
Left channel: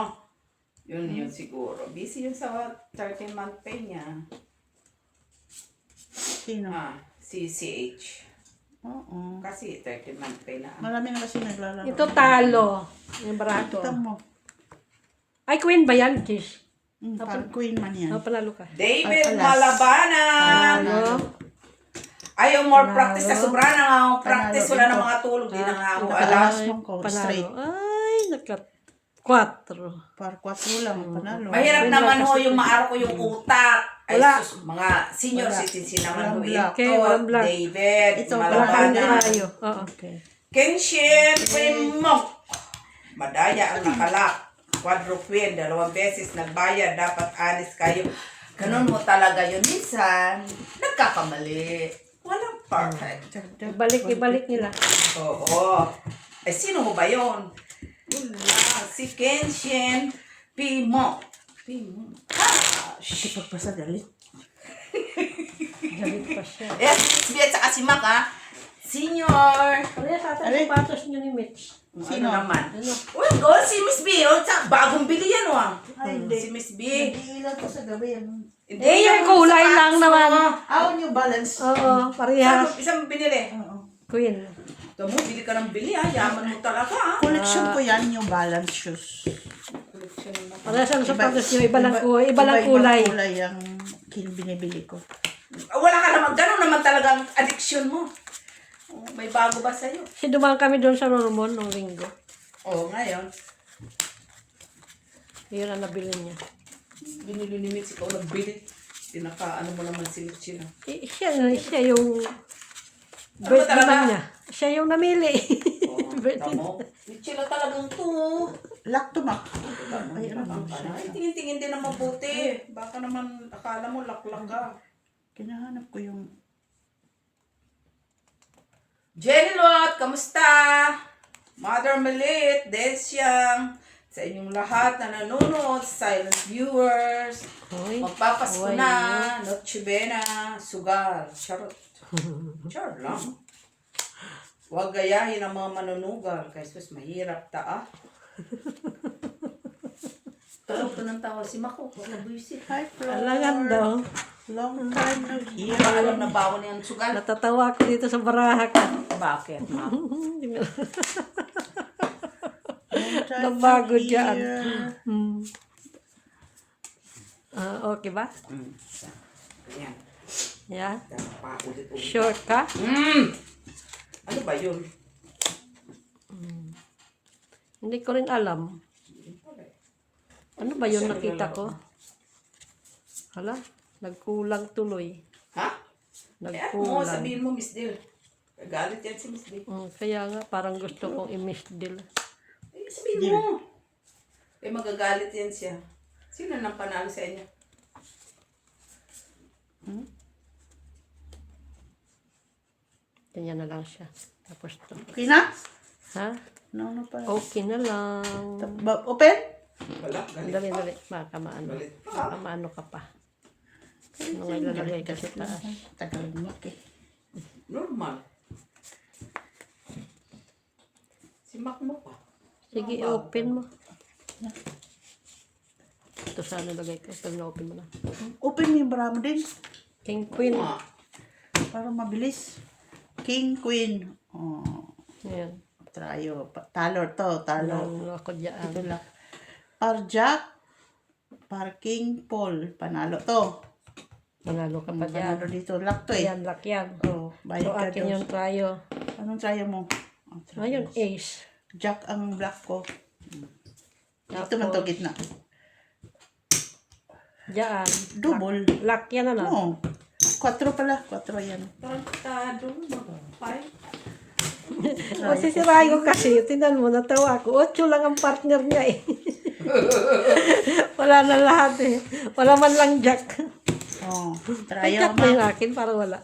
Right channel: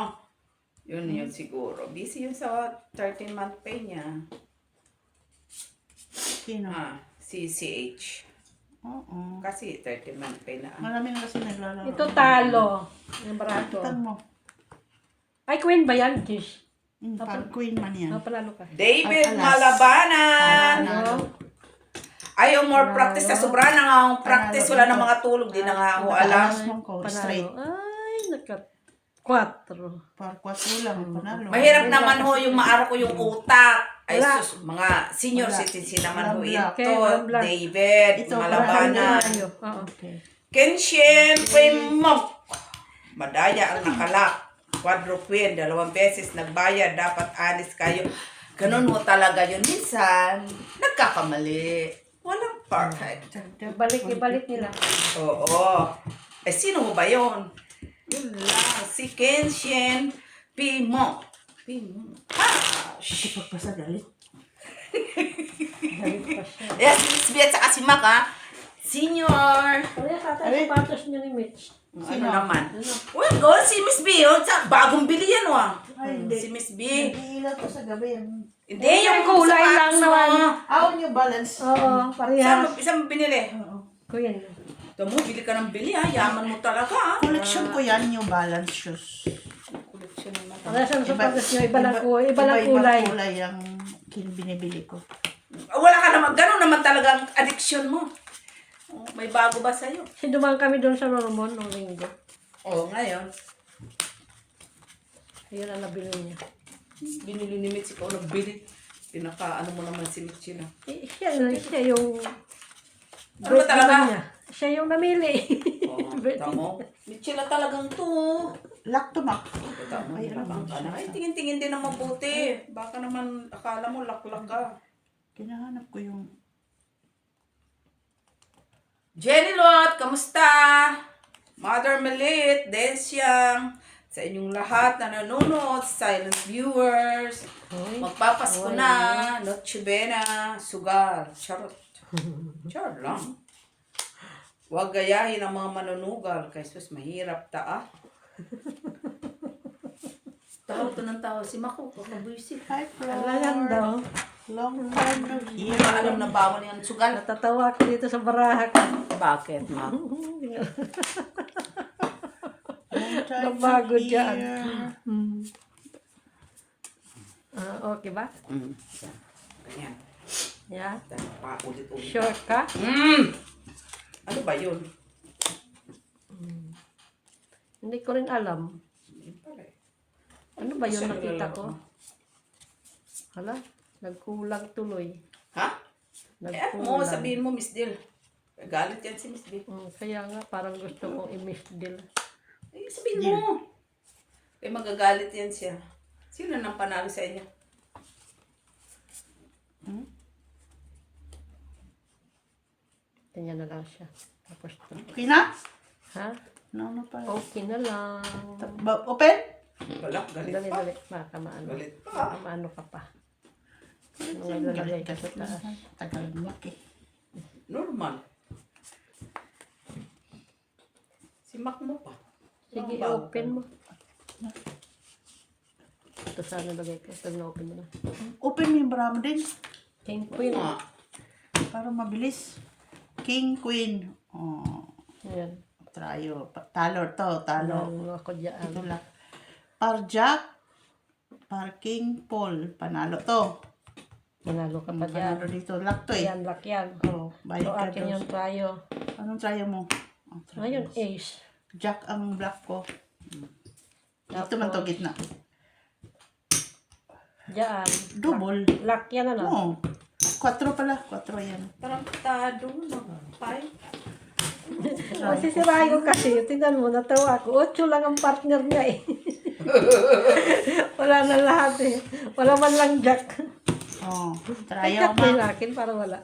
Yun siguro. Busy yun sa 13-month pay niya. Sino? Si CH. Oo. Kasi 13-month pay na. Marami na kasi naglalaro. Ito talo. Yung barato. Tutang mo. Ay, queen ba yan, Tish? Pag queen man yan. Oh, panalo ka. David Alas. Malabanan! Panalo. Ayaw more practice sa sobra na nga ang practice. Panalo Wala ito. na mga tulog. Di na nga ako alam. Nakalakas mo ko. Panalo. Straight. Ay, nagka-4. Par 4 lang. Panalo. Mahirap naman ho yung maaro ko yung utak. Ay, Wala. sus, mga senior Wala. citizen naman ho. Walang black. Okay, Ito, walang black. David Ito, Malabanan. Tayo. Oo. Okay. Kenshin Primok. Madaya ang nakalak. Quadruquin, 2 beses nagbayad. Dapat honest kayo. Ganun mo talaga yun. Minsan, nagkakamali. Walang perfect. Ibalik nila. Oo. Eh, sino mo ba yun? Yun lang. Si Kenshin Primok. Kasi pagpasa galit. Galit pa siya. Ayan, si Biat sa Kasimak, Senior. Kaya sa atin, sapatos nyo ni Mitch. Sino naman? Ano? Well, go, si Miss B. Bagong bili yan, Ay, hindi. Si Miss B. Nag-iilan ko sa gabi. Hindi, yung kulay sapatos lang mo. naman. Ako New Balance. Oo, parehas. Isang mo binili? Oo. Queen. Ito mo, bili ka ng bili, Yaman mo talaga, Collection ko yan, New Balance shoes. Collection mo. Parehas ang sapatos nyo. Iba lang kulay. Iba lang kulay. Iba kulay ang binibili ko. Wala ka naman, ganun naman talaga ang addiction mo. Oh, may bago ba sa'yo? Kasi dumaan kami doon sa Normon nung linggo. Oo, ngayon. Yun ang nabili niya. Binili ni Mitch, ikaw ng bili. Ano mo naman si Mitch na. Siya yung Ano ba talaga? niya. Siya yung namili. Tamo. Mitch na talagang to. Lactomac. Ay, ano ba? Ay, tingin-tingin din ang mabuti. Baka naman, akala mo, laklak ka. Kinahanap ko yung... Jenny Lot, kamusta? Mother Malit, Desyang, sa inyong lahat na nanonood, silent viewers, Uy. magpapasko na, Noche Buena, sugal, charot. Charot lang. Huwag gayahin ang mga manunugal. Kay sus, mahirap ta ah. Tawa to ng tawa si Mako. Buisit. Hi, Alangan Flor. daw. Long time no hear. Alam na bawon yung sugal. Natatawa ako dito sa baraha ka. Bakit, ma? Long time no Nabago dyan. hear. Okay ba? Ayan. Yeah. Paulit-ulit. Sure ka? Ano ba yun? Hindi ko rin alam. Ano ba yung nakita ko? Hala, nagkulang tuloy. Ha? Eh, mo, Nagkulang. sabihin mo, Miss Dil. Galit yan si Miss Dil. Kaya nga, parang gusto kong i-miss deal. Eh, sabihin mo. Eh, magagalit yan siya. Sino nang panalo sa inyo? Ganyan na lang siya. Tapos to. Okay na? Ha? No, no pa. Okay na lang. Open? Wala, galit Dali, pa. dali. Baka maano. Galit pa. Baka maano ka pa. Mga lalagay kasi taas. Tagal mo eh. Normal. Si Mac mo pa. Sige, open mo. Ito sana lagay ko. Ito yung open mo na. Open mo yung bra mo din. King Queen. Para mabilis. King, Queen. Oh. Ayan. Trayo. Talo to. Talo. Ano ako dyan. Ito lang. Par Jack. Par King, Paul. Panalo to. Manalo ka pa dyan. Panalo dito. Lock to eh. Ayan, lock yan. Oh, bayad Ito ka akin doon. yung trayo. Anong trayo mo? Oh, Ayun, ace. Jack ang black ko. Dito man to gitna. Diyan. Double. Lock yan ano? Oo. 4 pala. 4 yan. Tarantado. Tayo. Masisirahin ko kasi. Tingnan mo, natawa ako. 8 lang ang partner niya eh. Wala na lahat eh. Wala man lang jack. Oh, Ay, trayo jack mo ma. yung akin para wala.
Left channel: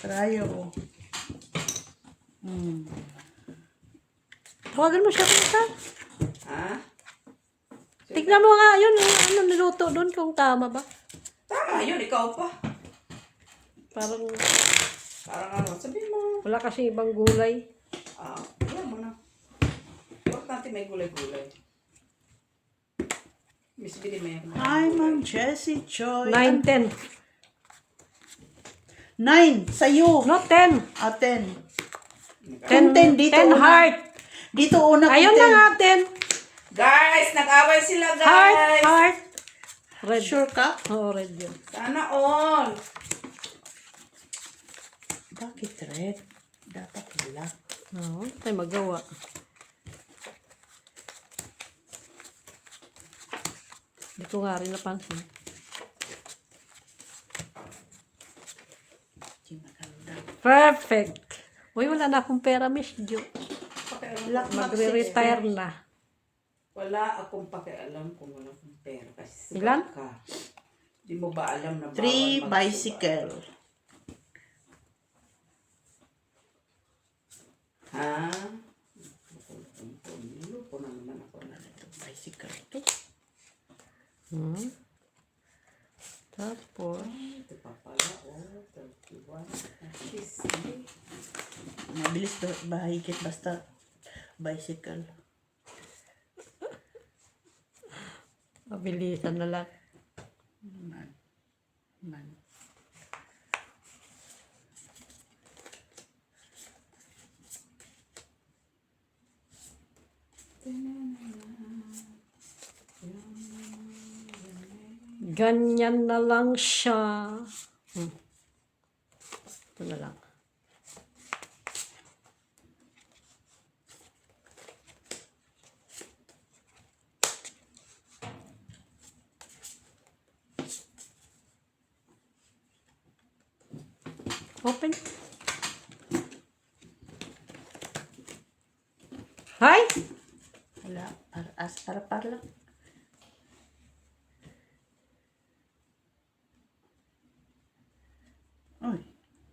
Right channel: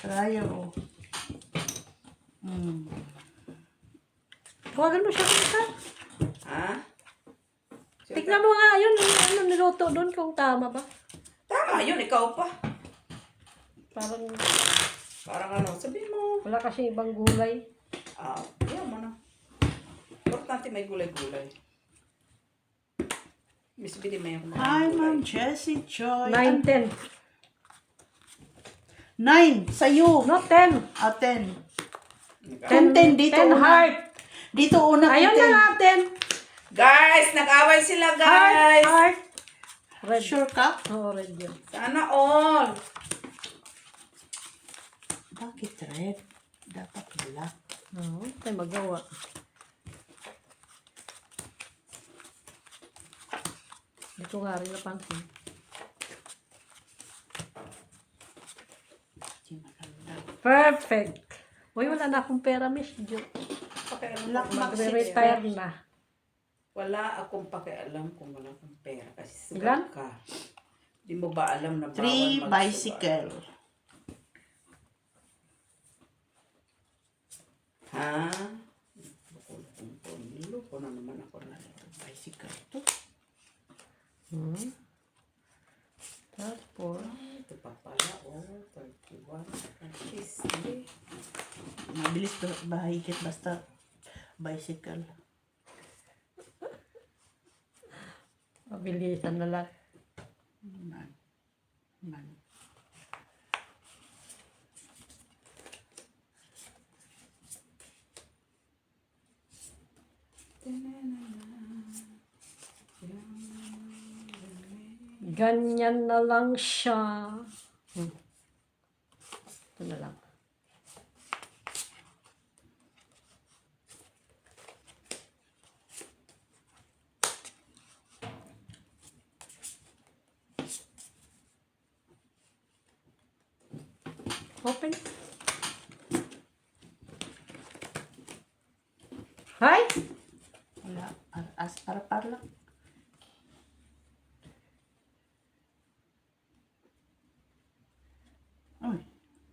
Trayo. Tawagan mo siya dito. Ha? Tignan mo nga yun. Ano niluto doon kung tama ba? Tama yun, ikaw pa. Parang Parang ano, sabihin mo. wala kasi ibang gulay. Yan mo na. Importante may gulay-gulay. Miss Billy, may ako. Hi, Ma'am Jessie Joy. 9, 10. 9. Sa'yo. No, 10. 10. Kung 10 dito 10 una. heart. Dito una kung Ayun na 10. nga, 10. Guys, nag-away sila, Heart, guys. heart. Red. Sure ka? Oo, red yun. Sana all. Bakit red? Dapat black. Oo, ay magawa. Hindi ko nga rin napansin. Di maganda. Perfect. Uy, wala na akong pera, Miss Jo. Black Magre-retire na. Wala akong pakialam kung wala kang pera. Kasi Ilan? sigat ka. Di mo ba alam na 3 bawal bicycle. Ha? Lupo na naman ako na ito. Bicycle to. Tapos, Ito pa pala. 31. Mabilis to. Bahigit basta bicycle. mabilisan na lang. Man. Ganyan na lang siya. Ito na lang. Open. Hi! Wala. Para lang. Uy.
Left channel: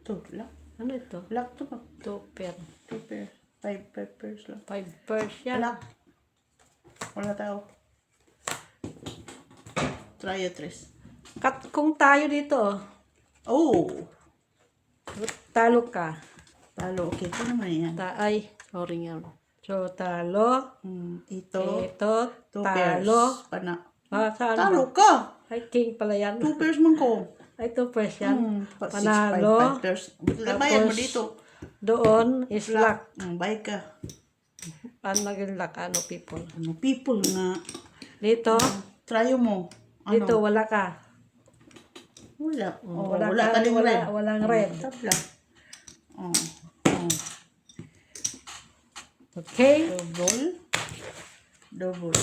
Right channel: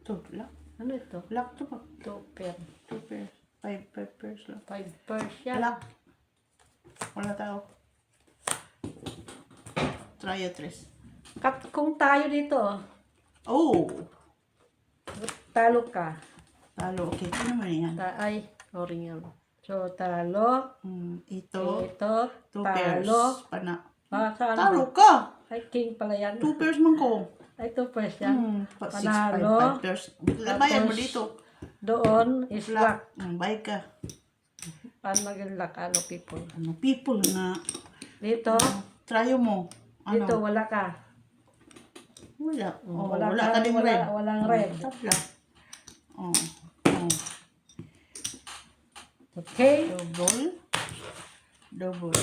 To. Black. Ano ito? Black to ba? 2 pair. 2 pairs. 5 pairs lang. 5 pairs yan. Black. Wala tao. Try 3. Cut kung tayo dito. Oh. Talo ka. Talo. Okay, ito naman yan. Ay, oring yan. So, talo. Ito. Ito, Two pairs. talo. Pana. Saan Talo ba? ka. Ay, king pala yan. 2 pairs man ko. Ay, 2 pairs yan. 6, 5, Panalo. 5 pairs. Bayad mo Tapos, dito. Doon is luck. Bayad ka. Paano naging luck? Ano, people? Ano, people nga. Dito, Tryo mo. Ano? dito, wala ka. Wala. Oh, Wala wala ka ding red. Walang red. Tabla. Oh. Okay? Double. Double.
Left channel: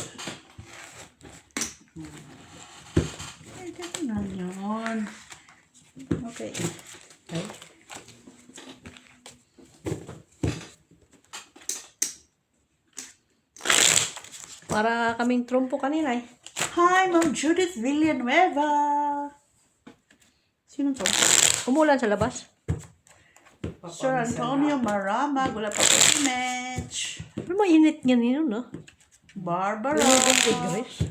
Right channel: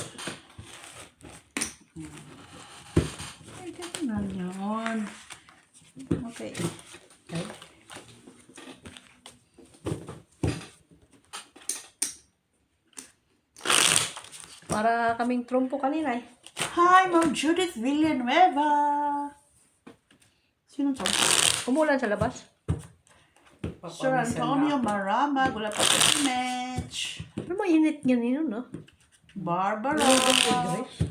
Ay, ganun na yun. Okay. Okay. Para kaming trumpo kanina eh. Hi, Ma'am Judith Villanueva. Sino to? Umulan sa labas. Sir Antonio Maramag. Wala pa po si Mitch. Ano mo init nga nino, no? Barbara. Grace.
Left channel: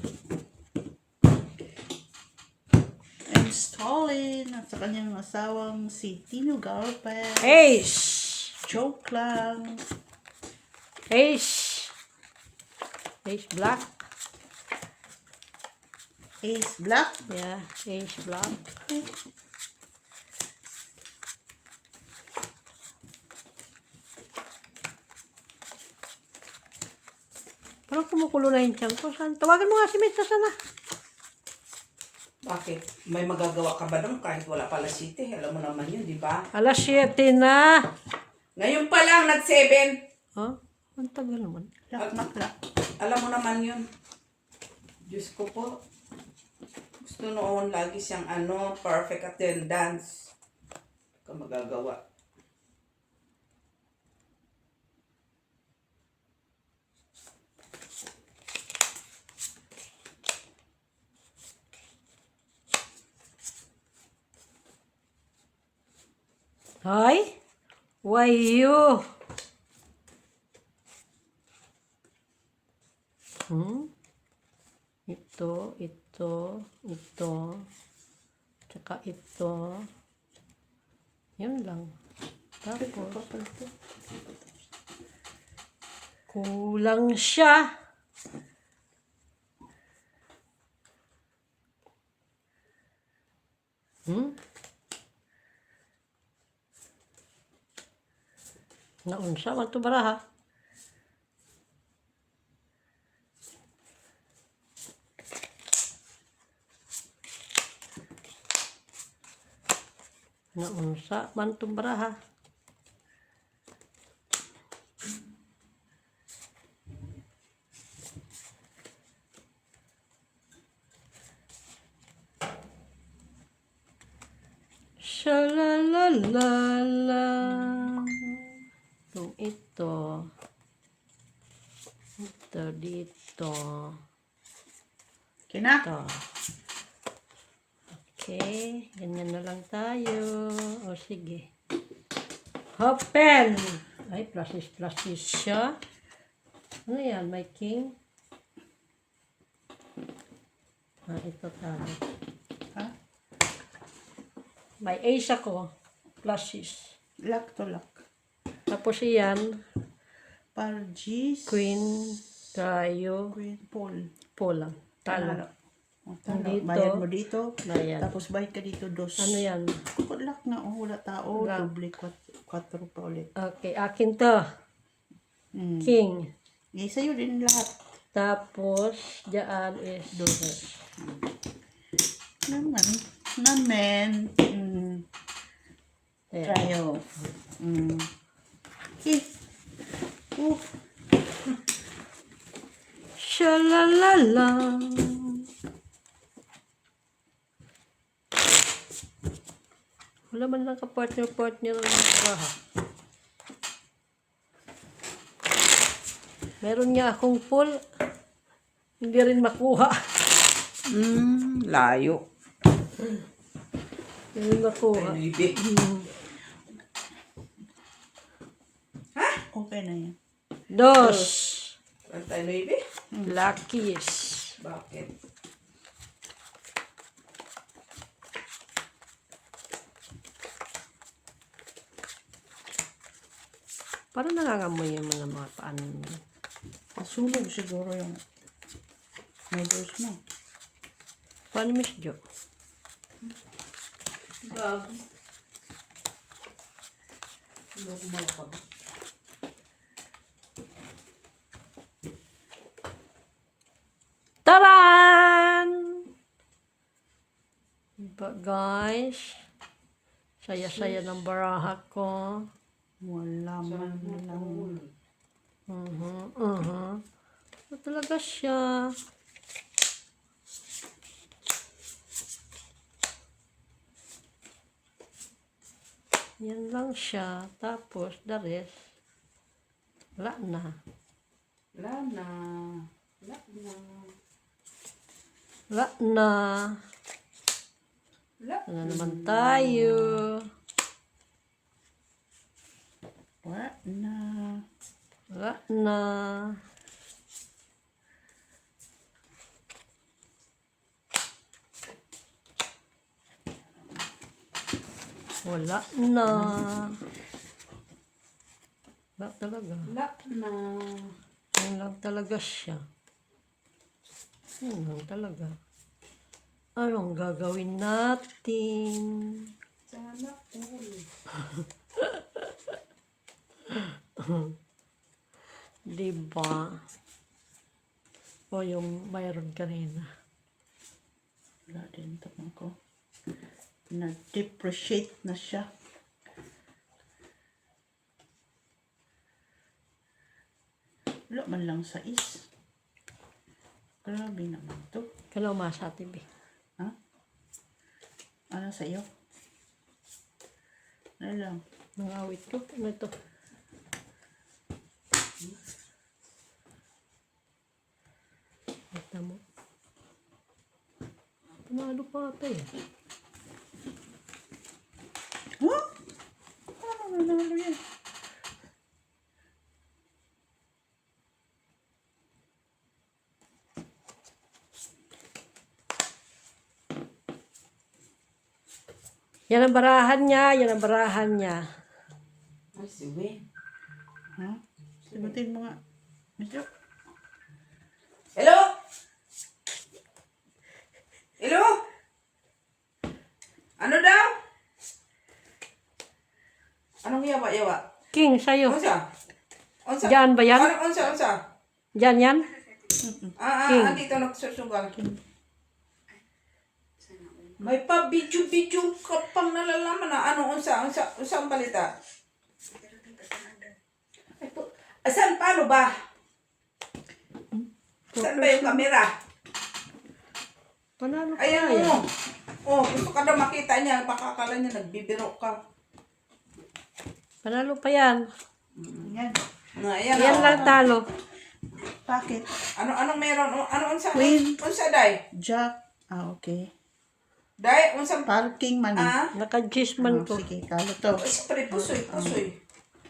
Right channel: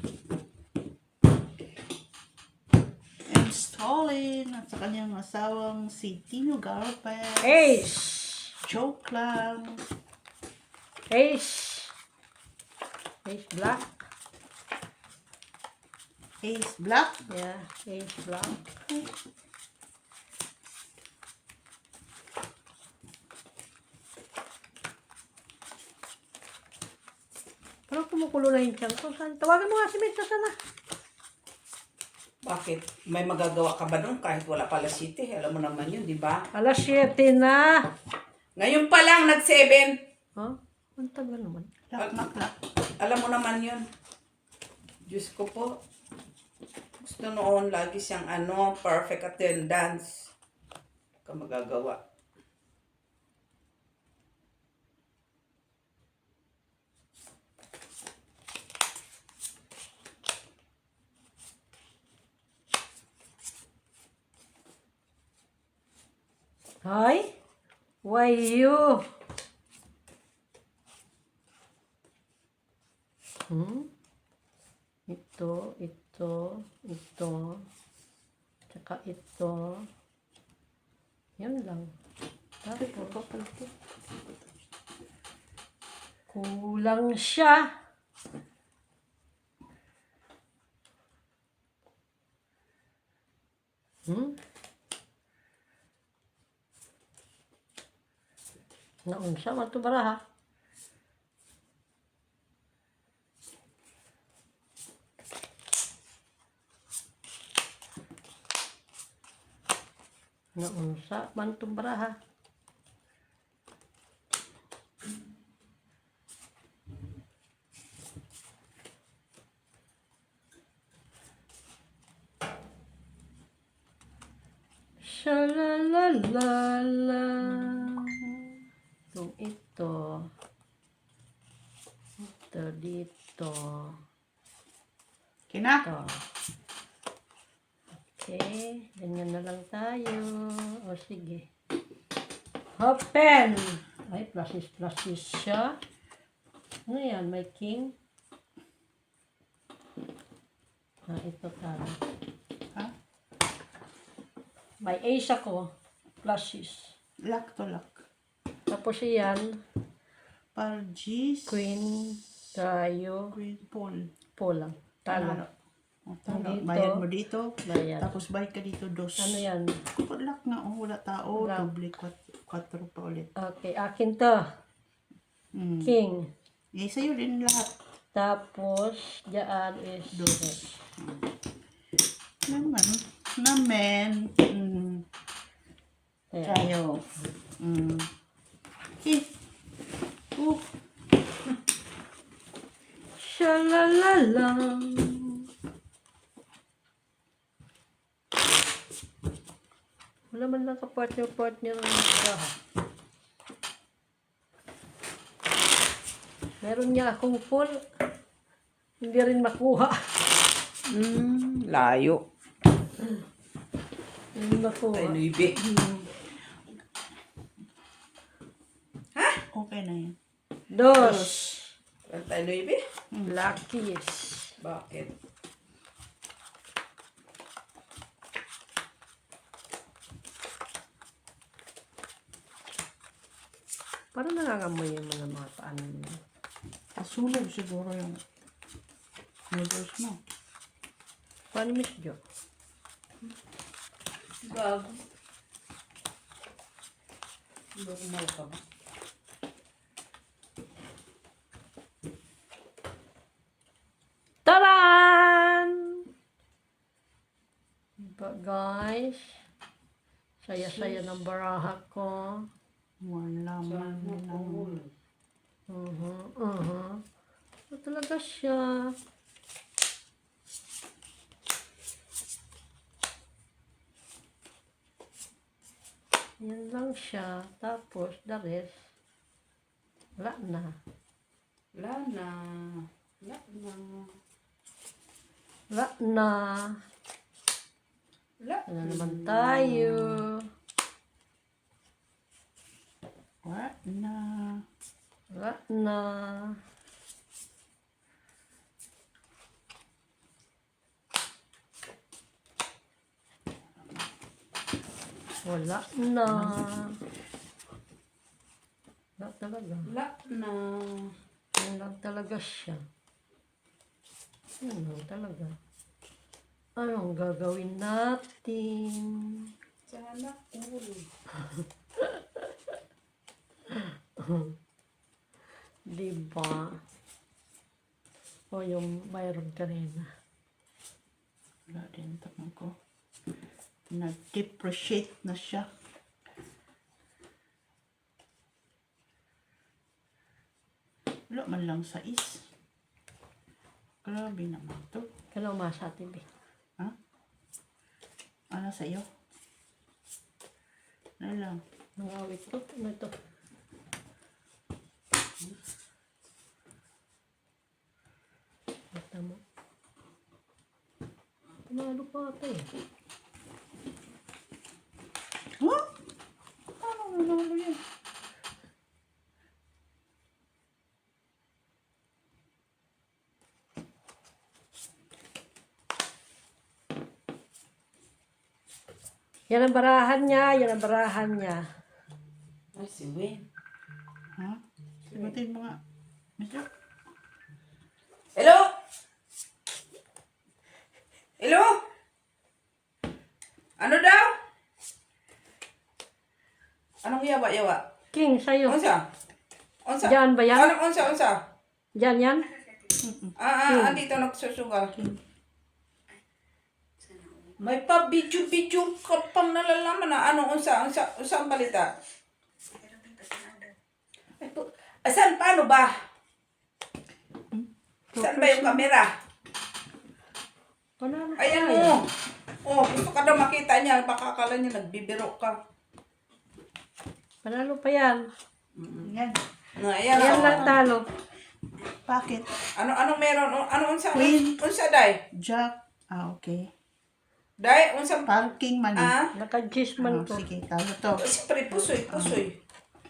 Installing at sa kanyang asawang si Tino Garpez. Ace! Joke lang. Ace! Ace black. Ace Black. Yeah, ace black. Parang kumukulo na yung tiyan ko. Tawagan mo nga si Mitch sana. Bakit? May magagawa ka ba doon kahit wala pala city? Alam mo naman yun, di ba? Alas 7 na. Ngayon pa lang, nag-7. Huh? Ang tagal naman. Lak. Alam mo naman yun. Diyos ko po. Gusto noon, lagi siyang perfect attendance. Ka magagawa. Hi? Why you? Ito. Tsaka ito. Yun lang. Tapos, kulang siya. Naunsa man to baraha. Naunsa man to baraha. Shalalala. Kung ito dito. Kina? Ito. Okay. Ganyan na lang tayo. O sige. Open! Ay, pluses siya. Ano yan? May king? Ito tayo. Ha? May ace ako. Pluses. Lock to lock. Tapos yan. Pargis. Queen tayo. Queen Paul. Polang. Talo. O, talo. Dito. Bayad mo dito. Bayad. Tapos bayad ka dito dos. Ano yan? Lock na. Oh, wala tao. Lock. Doble 4 pa ulit. Okay, akin to. King. Eh, sa'yo din lahat. Tapos, dyan is Dos. Naman. Ayan. Tayo. Okay. Shalalala. Wala man lang ka-partner ng bahay. Meron nga akong pool. Hindi rin makuha. Layo. Hindi makuha. Tayo ibig. Okay na yan. Dos. Tayo ibig? Luckies. Bakit? Parang nangangamoy yung mga paano mo. Nasunog siguro yung noodles mo. Paano, Miss Jo? Bago. Normal ka ba? Taran! Diba, guys? Saya-saya ng baraha ko. Wala man lang. Ito talaga siya. Yan lang siya. Tapos, the rest, wala na. Wala na. Wala na. Wala na. Wala. Ano naman tayo? Wala na. Wala na. Wala na. Wala talaga. Wala na. Yan lang talaga siya. Yan lang talaga. Anong gagawin natin? Sana all. Diba? O yung mayroon kanina. Wala din tapang ko. Nag-depreciate na siya. Wala man lang sa is. Grabe naman to. Kailan umasa TV? Ha? Ano sa iyo? Ano lang? Mangawit ko. Ano ito? Tama. Panalo pa ata eh. Huh? Ano nanalo yan? Yan ang barahan niya. Yan ang barahan niya. Ay, si Win. Ha? Sagutin mo nga. Medyo. Hello? Hello? Ano daw? Anong yawa-yawa? King, sa'yo. Unsa? Unsa? Diyan ba yan? Anong unsa? Diyan yan? King. Andito nagsusugal. May pa-video-video ka pang nalalaman na ano, unsa ang balita? Ay, saan, paano ba? Saan ba yung kamera? Panalo pa Ayan tayo. mo. Oh, gusto ka daw makita niya. Baka akala niya nagbibiro ka. Panalo pa yan. Yan. Ayan, Yan oh. lang talo. Bakit? Ano meron? Ano unsa? Queen. Unsa, day? Jack. Ah, okay. Day, unsa? Parking man. Naka-gis Oh, man to. sige, talo to. Siyempre, pusoy.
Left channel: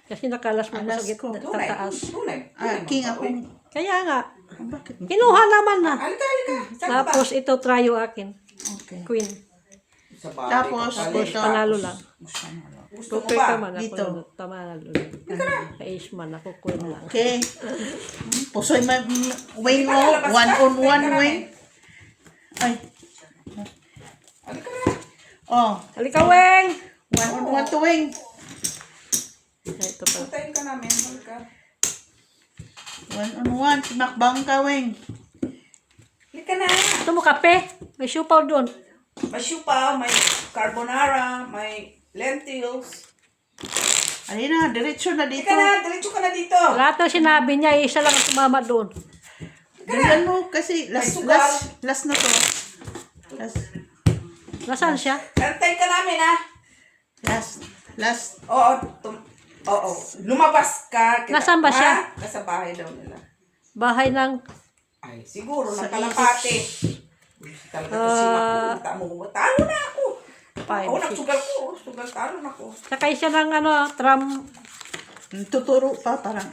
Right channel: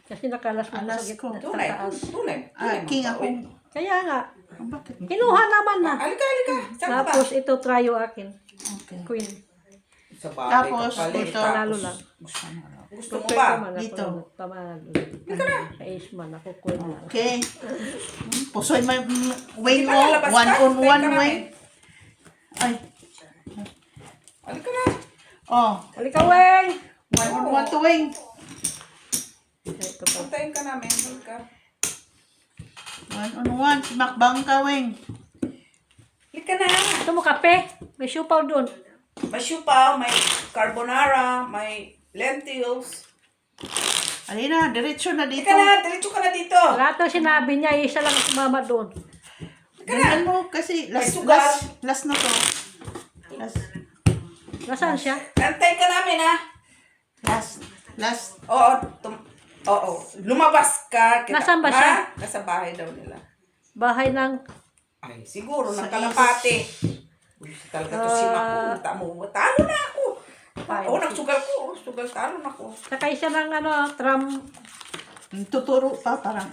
Kasi nakalas mo Alas sa ko. gitna. Tunay. Tataas. Tunay. King ako. Kaya nga. Ah, bakit? Kinuha naman na. Halika. Saan ba? Tapos ito tryo akin. Okay. Queen. Sa bagay, Tapos, kapalit. dito. Panalo lang. Gusto mo Super ba? ka man. Dito. Ako tamalo. Pa-ace man. Ako queen lang. Okay. Pusoy man. Wing o. One on one wing. Ay. Halika na. Oh. Halika, Weng! One on one to wing. Ito pa. Puntayin ka namin. Halika. One on one. Simakbang ka wing. Halika na. Ito mo kape. May siupaw doon. May siupaw, may carbonara, may lentils. Alina, diretso na dito. Halika na. Diretso ka na dito. Lahat ng sinabi niya, isa lang sumama doon. Dalian mo kasi last na to. Nasaan siya? Antayin ka namin, ha? Last. Oo. Lumabas ka. Nasaan ba siya? Nasa bahay daw nila. Bahay ng... Ay, siguro, Sa ng Kalapate. Talaga to si Makunta mo. Talo na ako. Ako, nagsugal ko. Talo na ako. Sakay siya ng tram. Tuturo pa parang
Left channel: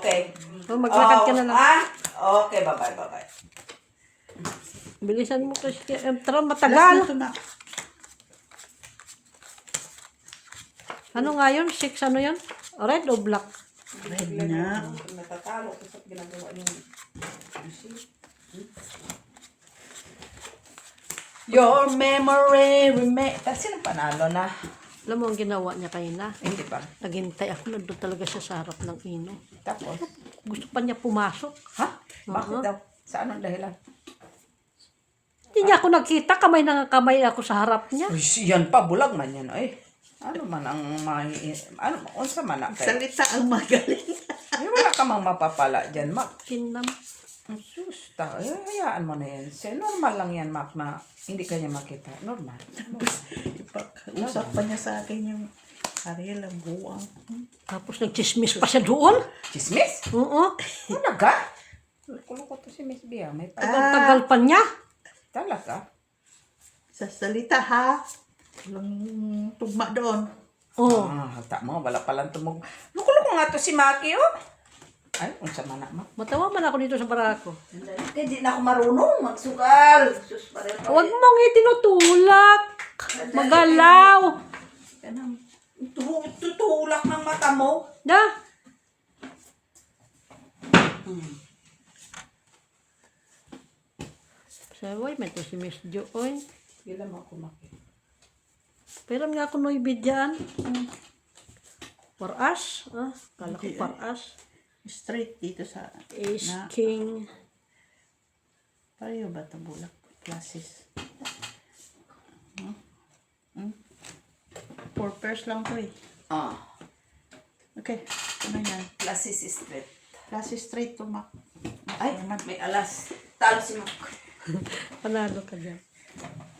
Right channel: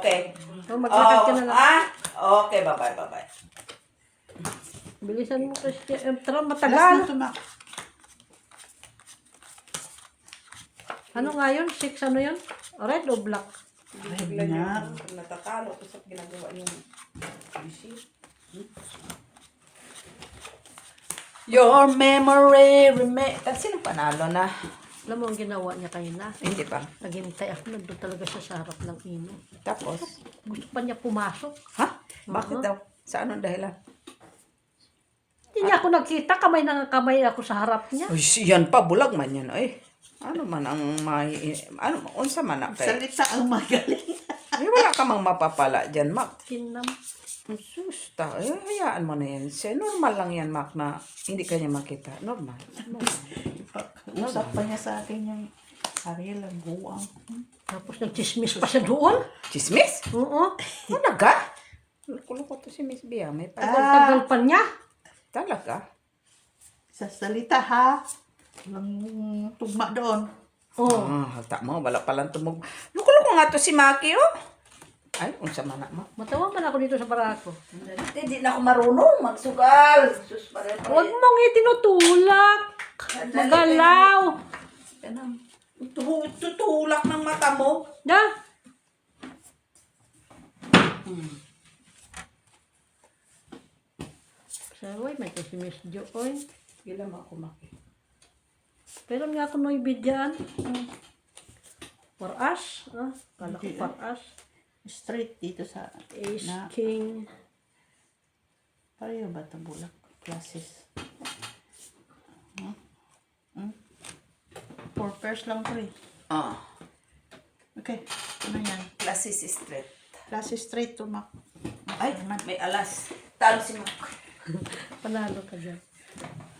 Okay. Kung maglakad ka na lang. Okay, bye-bye. Bilisan mo kasi ang tram last matagal. na to Mac. Ano nga yun? 6 ano yun? Red o black? Red nga. Natatalo ko sa ginagawa yung Your memory Kasi panalo na. Alam mo ang ginawa niya kayo na? Hindi pa. Naghintay ako, nandun talaga siya sa harap ng ino. Tapos, Gusto pa niya pumasok. ha? Bakit daw? Sa anong dahilan? Hindi niya ako nakita, kamay na kamay ako sa harap niya. Uy, yan pa, bulag man yan. Ay, ano man ang unsa man na kay? Salita ang magaling. Ay, wala ka mang mapapala dyan, Mac. Kinam. Sus, hayaan mo na yan. Normal lang yan, Mac, na hindi kanya makita. Normal. Usap pa niya sa akin yung Ariel ang buwang. Tapos nagchismis pa siya doon. Chismis? Oo. Ano ka? Kuloko to si Miss Bia. May Tagal pa niya. talaga. Sa salita ha. Walang tugma doon. Oo. Halta mo, wala palang tumog. Lukuloko nga to si Maki, oh. Ay, unsa man na, Mac. Matawa man ako dito sa barako. Hindi na ako marunong magsugal. Sus, Huwag mong itinutulak. Magalaw. Tutulak ng mata mo. Da. Saway, may to si Miss Jo. Oy. Gila mo ako, Maki. Pero nga ako may bidyan. Paras. Kala ko Hindi, paras. Straight dito sa Ace, na. King. Pareho ba ito bulak? Classes. Four pairs lang to eh. Ah, Okay. Ano yan? classes straight. Classes straight to Mac. Ay, may alas. Talo si Mac. Panalo ka dyan.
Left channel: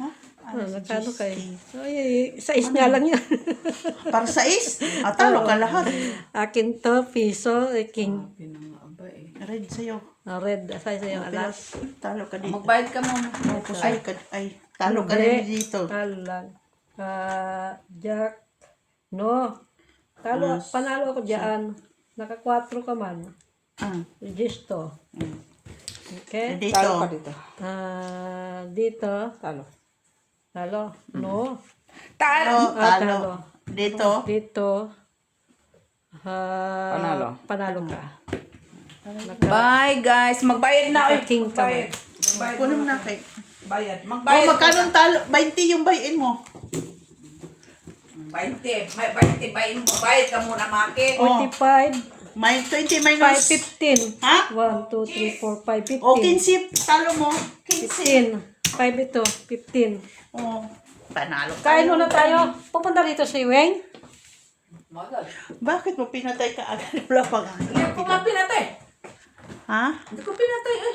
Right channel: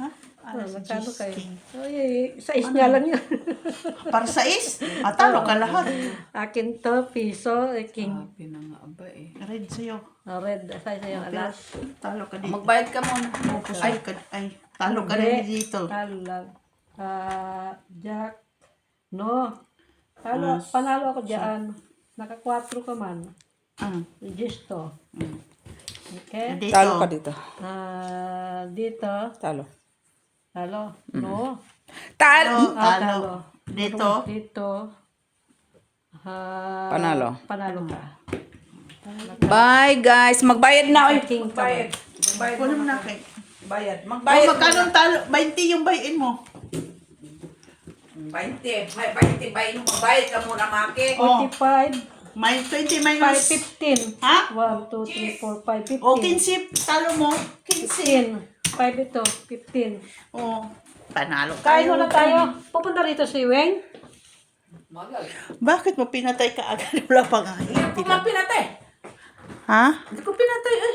Ha? Ano si Nagkano kayo? Justin? Ay, sais nga lang yan. Para sa is? Talo ka lahat. Akin to, piso, king. Pinangaba eh. Red sa'yo. Red, sa yung alas. Talo ka dito. Magbayad ka muna. Ay, talo ka Hindi. rin dito. Talo lang. Jack. No. Talo, panalo ako dyan. Naka 4 ka man. Registo. Okay. Dito. Talo ka dito. Dito. Talo. Talo. No. Talo! Talo. Dito. Dito. Panalo. Panalo ka. Bye guys. Magbayad na. Oy. King ka. Magbayad. Kunin mo na kay. Bayad. Oh, Magbayad. magkano talo? 20 yung bayin mo. 20. May 20 ba yung magbayad ka muna, Maki? Oh. 25. May 20 minus. 5, 15. Ha? 1, 2, 3, 4, 5, 15. O, 15. Talo mo. 15. 5 ito. 15. Oh. Panalo ka. Kain muna tayo. Pupunta rito si Weng. Magal. Bakit mo pinatay ka agad? Wala pa nga. Hindi ko pinatay. Ha? Hindi ko pinatay. Ay.